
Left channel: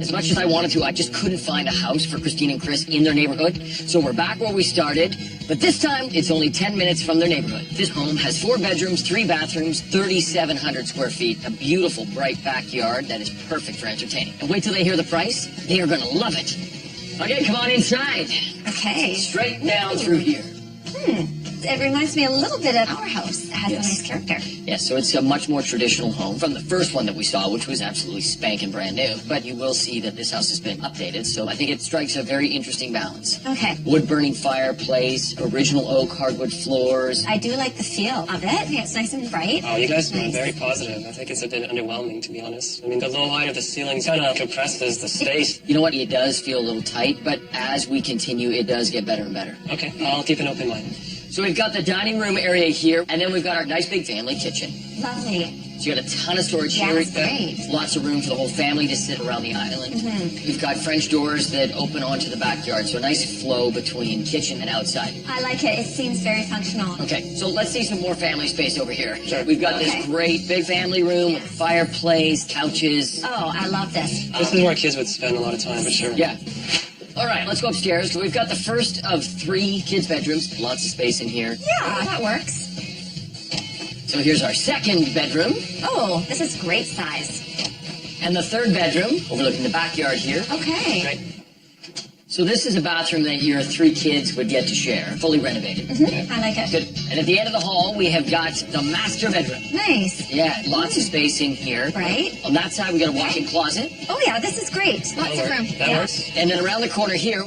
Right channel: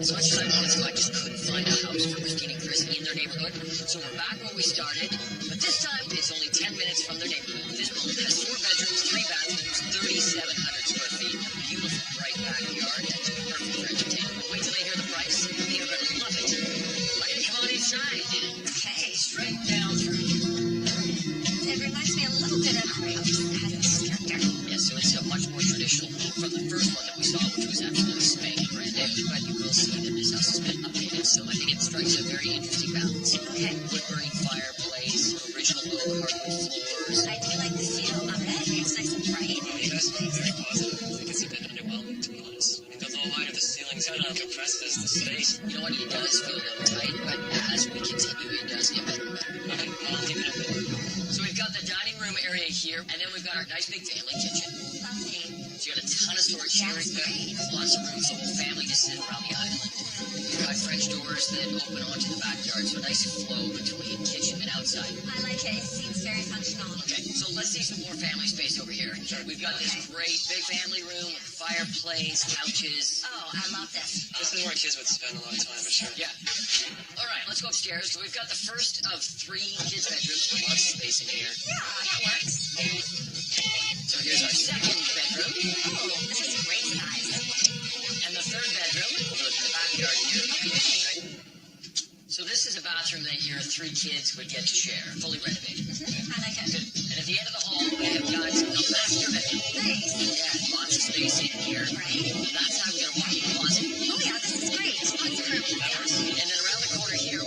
As much as I wanted to, I just couldn't find a house for Christine and Chris in their neighborhood. So we're back where we started, But this time, it's only 10 minutes from their neighborhood. This home has 4 bedrooms, 3 bathrooms, 3,700 square feet, a beautiful, bright backyard that is perfect for entertaining. And wait till they hear the price. They are going to love it. Okay, come on inside. Okay. Straight down through here. It reminds me a little bit of our house. It has a nice character. Yes, so it's a much more traditional home from the first one that we saw, which was absolutely spanking brand new. But you will see that this house has been updated, so I think it strikes a very interesting balance. Okay. Wood-burning fireplace, original oak hardwood floors. I do like the feel of it. It's nice and bright. Oh, you guys are very positive. I think it's a bit underwhelming, to be honest. I mean, the low height of the ceiling kind of compresses the space. You know what? It does feel a little tight, but as we continue, it does get better and better. Okay, I'll keep an open mind. So we've got the dining room area here, and then we've got our nice big family kitchen. Lovely. So you got a ton of storage Yeah, here. it's great. Lots of room for the whole family to sit around the island. We've got French doors that open onto the backyard, so a nice flow between kitchen and outside. I like it. It seems very functional. Okay, so let's see some more family space over here. Sure. We've got Okay. this great big family room with a fireplace, couches. Oh, I love this. This is where kids would spend a lot of time, for sure. Yeah. All right, let's go upstairs. So we've got the first of 3 kids' bedrooms. Lots of space in here. Yeah, that works. So here's our second bedroom. Oh, this is great size. And the third bedroom, overlooking the backyard here. Okay. Right. So this is a bathroom that your 3 kids would get to share, fully renovated. I like it. Good. And at the end of the hall, we have got the master bedroom. Nice. Yeah, lots of space in here. Right? On that side, we got a walk-in closet. Oh, yeah, this is great. Lots of room. That Yeah. works. And then around the corner here,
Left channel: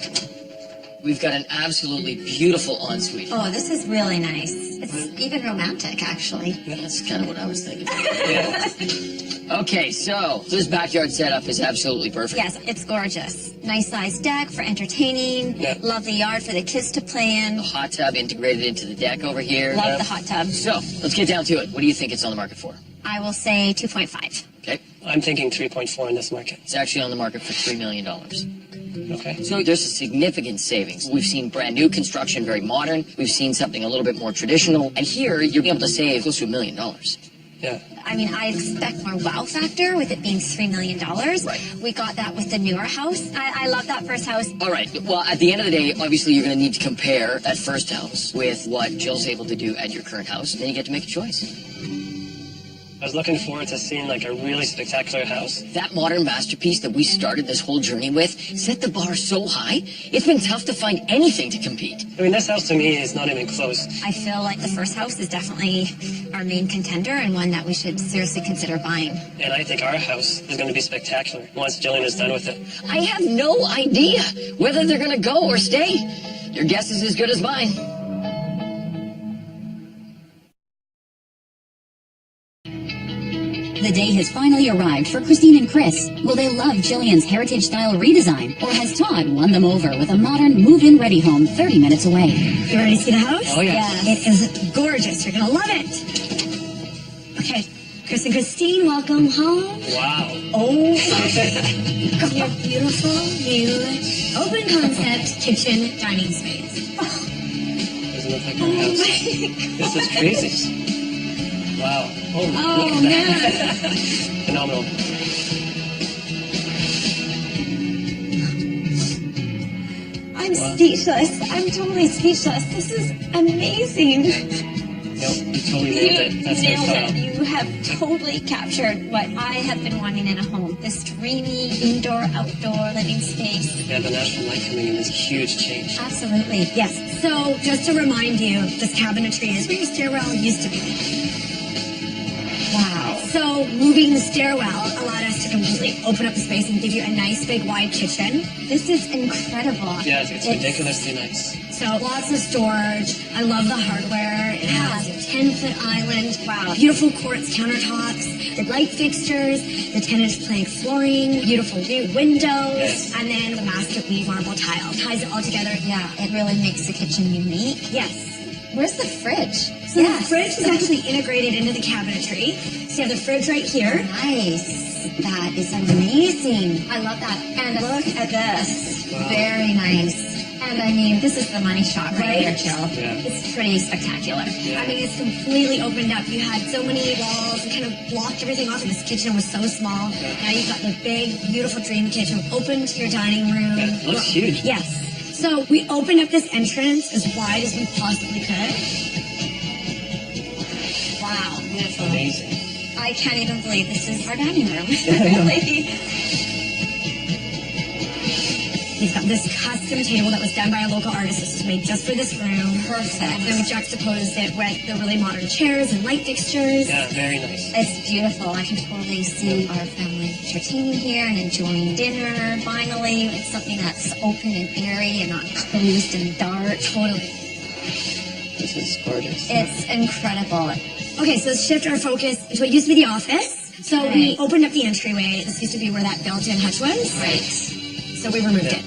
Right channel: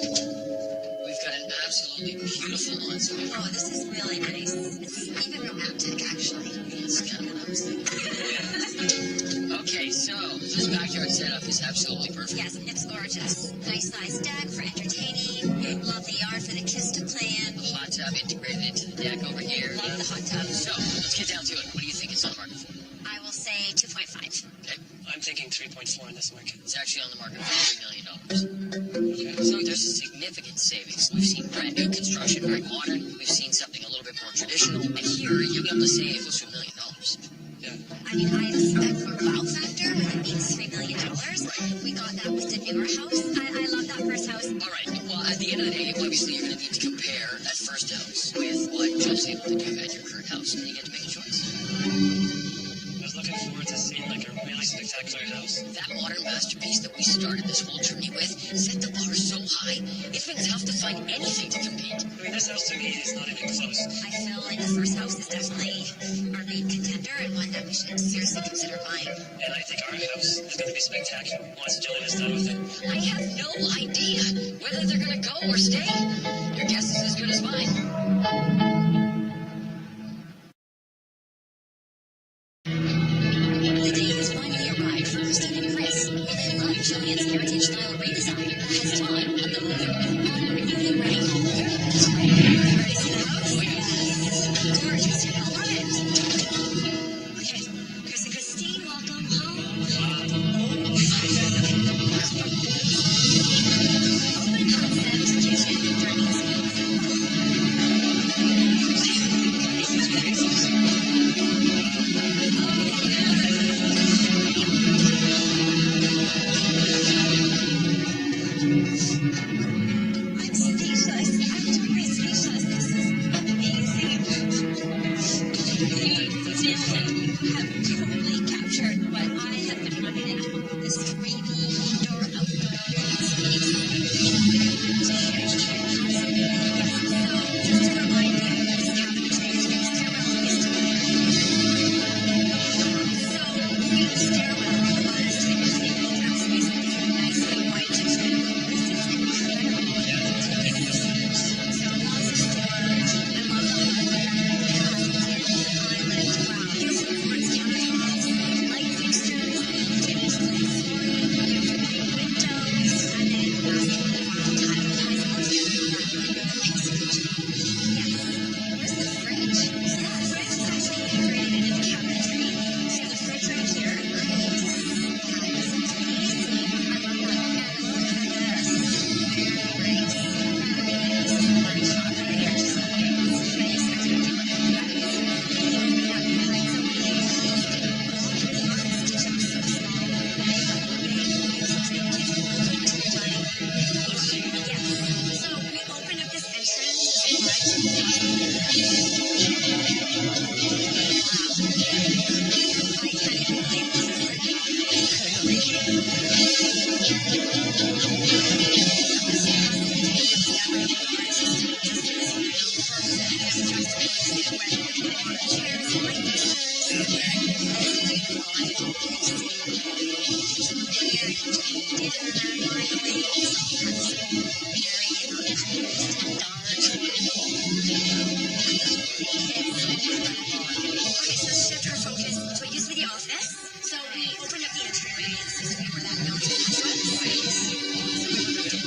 we've got an absolutely beautiful ensuite. Oh, this is really nice. It's even romantic, actually. That's kind of what I was thinking. Yeah. Okay, so this backyard setup is absolutely perfect. Yes, it's gorgeous. Nice sized deck for entertaining. Yeah. Lovely yard for the kids to play in. The hot tub integrated into the deck over here. Love the hot tub. So let's get down to it. What do you think it's on the market for? I will say 2.5. Okay, I'm thinking 3.4 in this market. it's actually on the market for $3 million. Okay. So there's a significant savings. We've seen brand new construction, very modern. We've seen something a little bit more traditional. And here, you're able to save close to $1 million. Yeah. I mean, I expect more wow factor with it being $3 million. Right. We got that with the newer house. I love that first house. All right. Well, at the end of the day, obviously, you're going to need to compare that first house with what Jill's able to do at your current house. And then you get to make a choice. I was looking forward to seeing like a really spectacular house. That modern masterpiece that we started this whole journey with set the bar so high, it's been tough to find anything to compete. I mean, this house to me is not even close. I feel like the first house is definitely our main contender and one that we should seriously consider buying. And I think our house is going to be spectacular once Jillian is done with it. I have no idea whether they're going to go or stay. Your guess is as good as mine. The day has finally arrived for Christine and Chris. Will they love Jillian's heritage-style redesign, or has Todd won them over with a modern move-in ready home 30 minutes away? You ready to see the house? Oh, yeah. It is gorgeous. You're gonna love it. Okay, Chris and Christine, welcome home. Wow. Oh, your beautiful new open concept kitchen dining space. This is crazy. Wow. Oh man. Phenomenal. I'm speechless. I'm totally speechless. This is amazing. You totally nailed it. That's Nailed our style. it. You have totally captured what I have been wanting in a home. This dreamy indoor-outdoor living space. Yeah, the national light coming in is a huge change. Absolutely. Yes. So just to remind you, this cabinetry is where your stairwell used to be. Wow. So moving the stairwell allowed us to completely open up the space and give you a nice big wide kitchen. This is incredible. Yeah, it's ridiculously nice. So lots of storage. I love the hardware. It has a 10-foot island. Wow. Beautiful quartz countertops. The light fixtures. The 10-inch plank flooring. Beautiful new windows. And then the master weave marble tile. Ties it all together. Yeah, it really makes the kitchen unique. Yes. Where's the fridge? So the fridge is actually integrated into the cabinetry. So you have the fridge right here. Nice. That is amazing. I love that. And look at this. Very nice. And I mean, this is the money shot right here, Jill. Yeah. It's pretty spectacular. I mean, it's completely opened up. You had so many walls that kind of blocked everything off, and this kitchen was so small. Now you've got the big, beautiful dream kitchen open to your dining room. It looks huge. Yes. So we opened up this entrance as wide as we possibly could. Wow. I can't even believe this is our dining room. We've got this custom table that was done by a local artist. This was made just for this room. Perfect. Then we juxtaposed it with the really modern chairs and light fixtures. Yeah, very nice. It's beautiful. I can totally see our family entertaining here and enjoying dinner. Finally, something that's open and airy and not closed and dark. Totally. It's gorgeous. It's incredible. Okay, so let's shift our focus to what used to be the office. So we opened up the entryway. This used to be where that built-in hutch was. Right. So we removed it.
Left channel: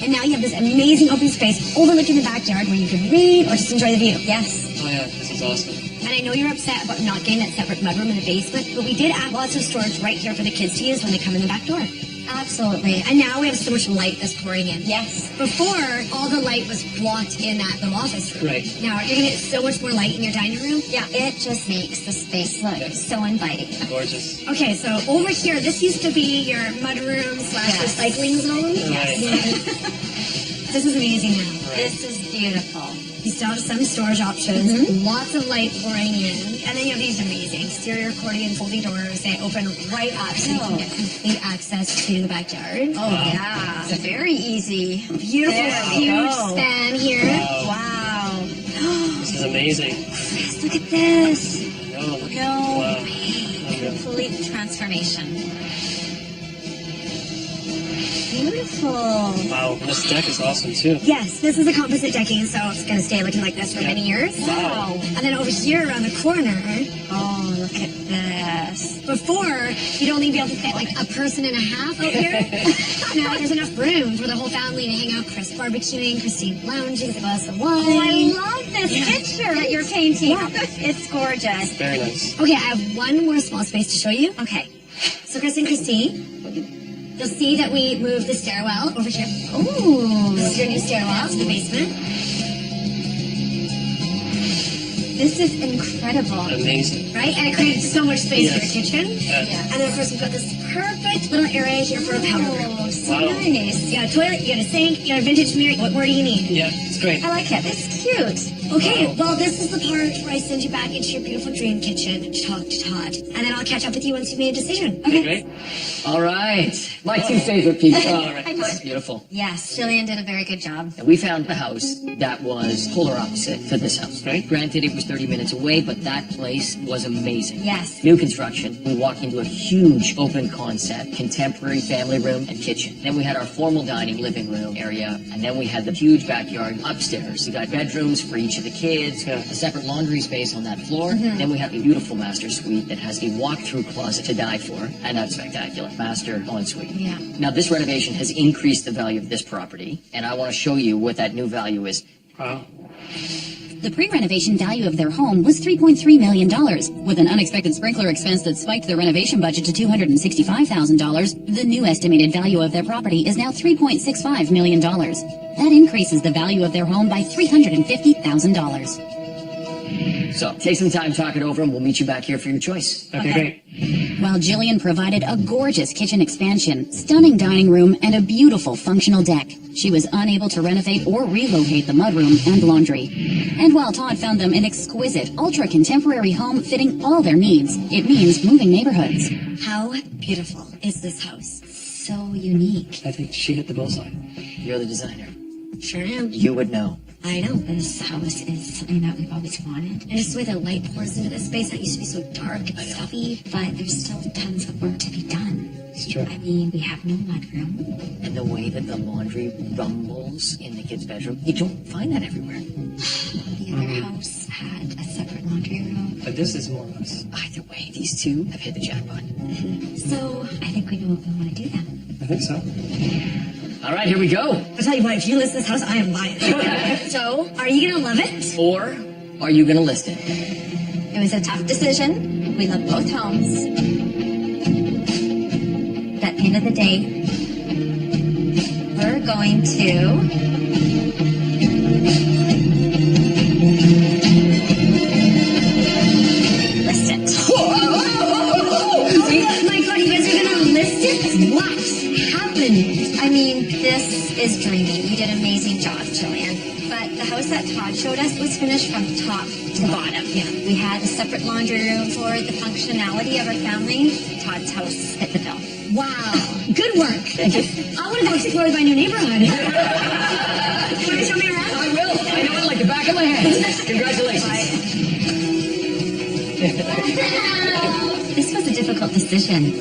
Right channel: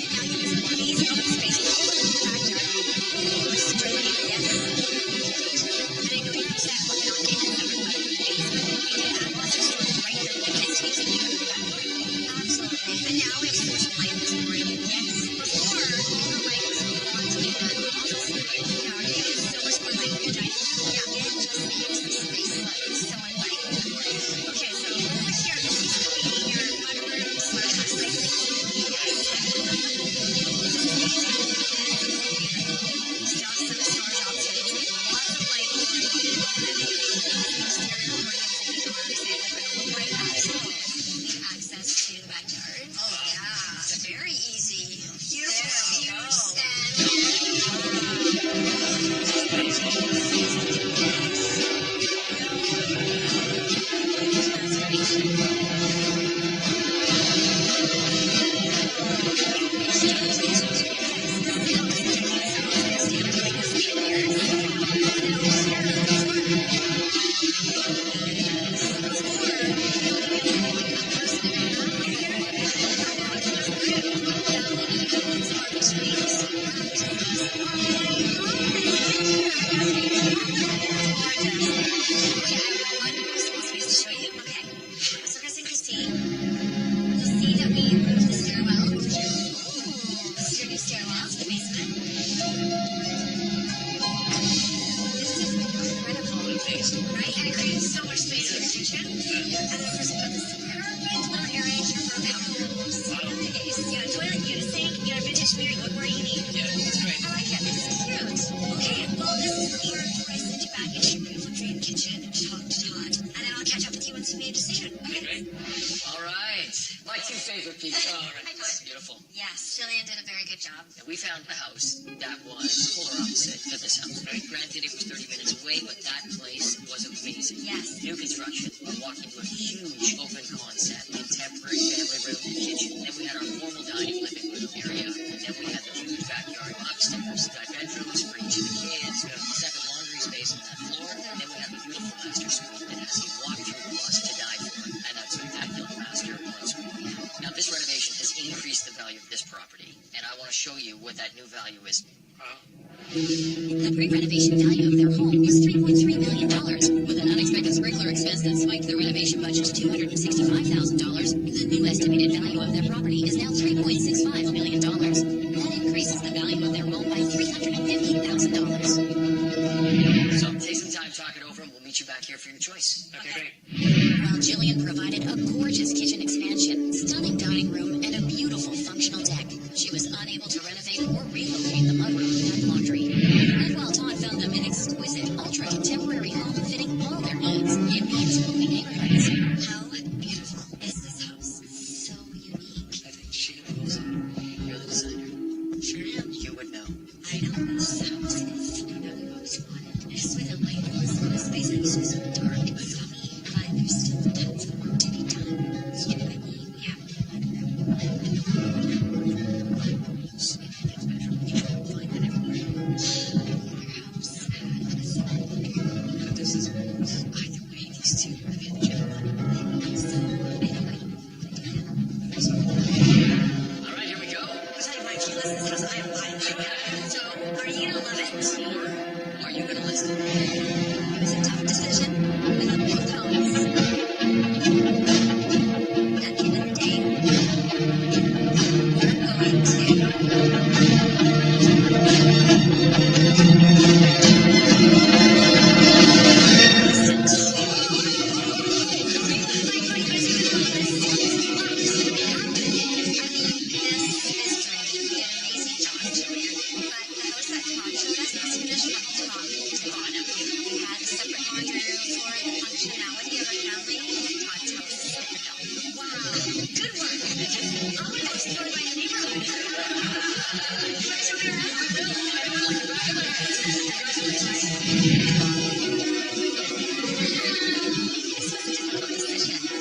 And now you have this amazing open space overlooking the backyard where you can read or just enjoy the view. Yes. Oh yeah, this is awesome. And I know you're upset about not getting that separate mudroom in the basement, but we did add lots of storage right here for the kids to use when they come in the back door. Absolutely. And now we have so much light that's pouring in. Yes. Before, all the light was blocked in that little office room. Right. Now you're going to get so much more light in your dining room. Yeah, it just makes the space look so inviting. Gorgeous. Okay, so over here, this used to be your mudroom / recycling zone. Right. This is amazing. This is beautiful. You still have some storage options, lots of light pouring in, and then you have these amazing exterior accordion folding doors. They open right up so you can get complete access to the backyard. Oh, yeah. It's very easy. Beautiful, There we huge go. stand here. Wow. This is amazing. Look at this. Oh, No. wow. Complete transformation. Beautiful. Wow, this deck is awesome too. Yes, this is a composite decking, so it's going to stay looking like this for many years. Wow. And then over here around the corner, Oh, look at this. before, you'd only be able to fit like a person and a half out here. Now there's enough room for the whole family to hang out, Chris barbecuing, Christine lounging, glass of wine. Oh, I love this picture that you're painting. It's gorgeous. Very nice. Okay, I have one more small space to show you. Okay. So Chris and Christine, you'll see that we moved the stairwell over here. Ooh. This is your new stairwell to the basement. This is incredible, Amazing. right? And it created so much space for Yes. your kitchen. Yeah. And then of course we've got this perfect little area here for a powder room. Oh, so Wow. nice. You got a toilet, you got a sink, you got a vintage mirror. What more do you need? Yeah, it's great. I like it. It's cute. Okay, well this is the part where I send you back into your beautiful dream kitchen to talk to Todd. And then I'll catch up with you once you've made a decision. Okay, great. All right. My two favorite people. All right. This is beautiful. Yes, Jillian did a very good job. And we found a house that was polar opposite to this house. Right. Granted, it was 30 minutes away, but that place was amazing. Yes. New construction. We walked into a huge open concept, contemporary family room and kitchen. Then we had our formal dining living room area, and then we had the huge backyard upstairs. We got bedrooms for each of the kids, Yeah. a separate laundry space on that floor. Then we have a beautiful master suite that has a walk-through closet to die for, and that's spectacular. Master ensuite. Yeah. Now, this renovation has increased the value of this property, and I want to show you what that new value is. Wow. The pre-renovation value of their home was $3.3 million. With an unexpected sprinkler expense that spiked their renovation budget to $265,000, the new estimated value of their property is now $3.65 million. That increases the value of their home by $350,000. So, take some time, talk it over, and we'll meet you back here for your choice. Okay, great. While Jillian provided a gorgeous kitchen expansion, stunning dining room, and a beautiful functional deck, she was unable to renovate or relocate the mudroom and laundry. And while Todd found them an exquisite, ultra-contemporary home fitting all their needs, it means moving neighborhoods. How beautiful is this house? So unique. I think she hit the bullseye. You're the designer. Sure am. You would know. I know this house is something that we've always wanted. And it's the way the light pours into this space that used to be so dark and stuffy, but there's still tons of work to be done. It's true. I mean, we have no mudroom. And the way that the laundry rumbles in the kid's bedroom, you don't find that everywhere. The other house had a separate laundry room. But this is warmless. Either way, these two have hit the jackpot. So I think we know what we want to do then. I think so. All right, here we go. I'll tell you what, if you list this house, I am buying it. So, are you gonna love it? Or are you going to list it? It was a tough decision. We loved both homes. But at the end of the day, we're going to list it. Oh my god, you guys are gonna list it? What happened? I mean, this is dreamy. We did amazing showed us was finished from top to bottom. Yeah. We had a separate laundry room for the functionality of our family. Todd's house fit the bill. Wow. Good work. Thank you. I want to go explore my new neighborhood. You want to show me around? I will. I know it like the back of my hand. Congratulations. This was a difficult decision.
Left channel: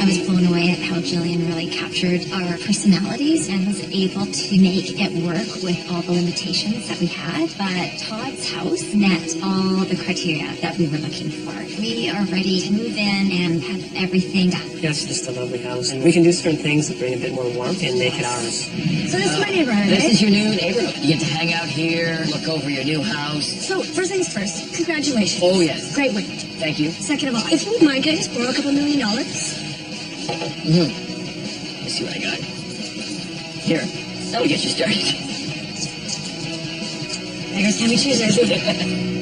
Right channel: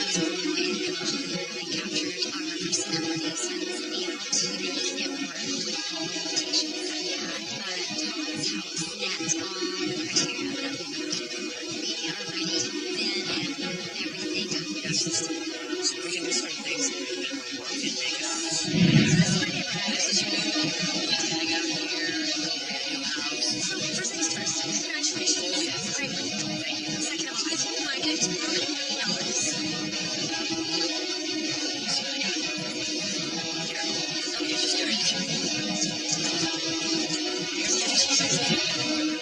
I was blown away at how Jillian really captured our personalities and was able to make it work with all the limitations that we had. But Todd's house met all the criteria that we were looking for. We are ready to move in and have everything done. Yes, it's just a lovely house. And we can do certain things that bring a bit more warmth and make it ours. So this is my neighborhood, This right? is your new neighborhood. You get to hang out here, look over your new house. So first things first, congratulations. Oh, yes. Great win. Thank you. Second of all, if you mind, can I just borrow a couple $1 million? Let's see what I got. Here. That'll get you started. There's penny choosers.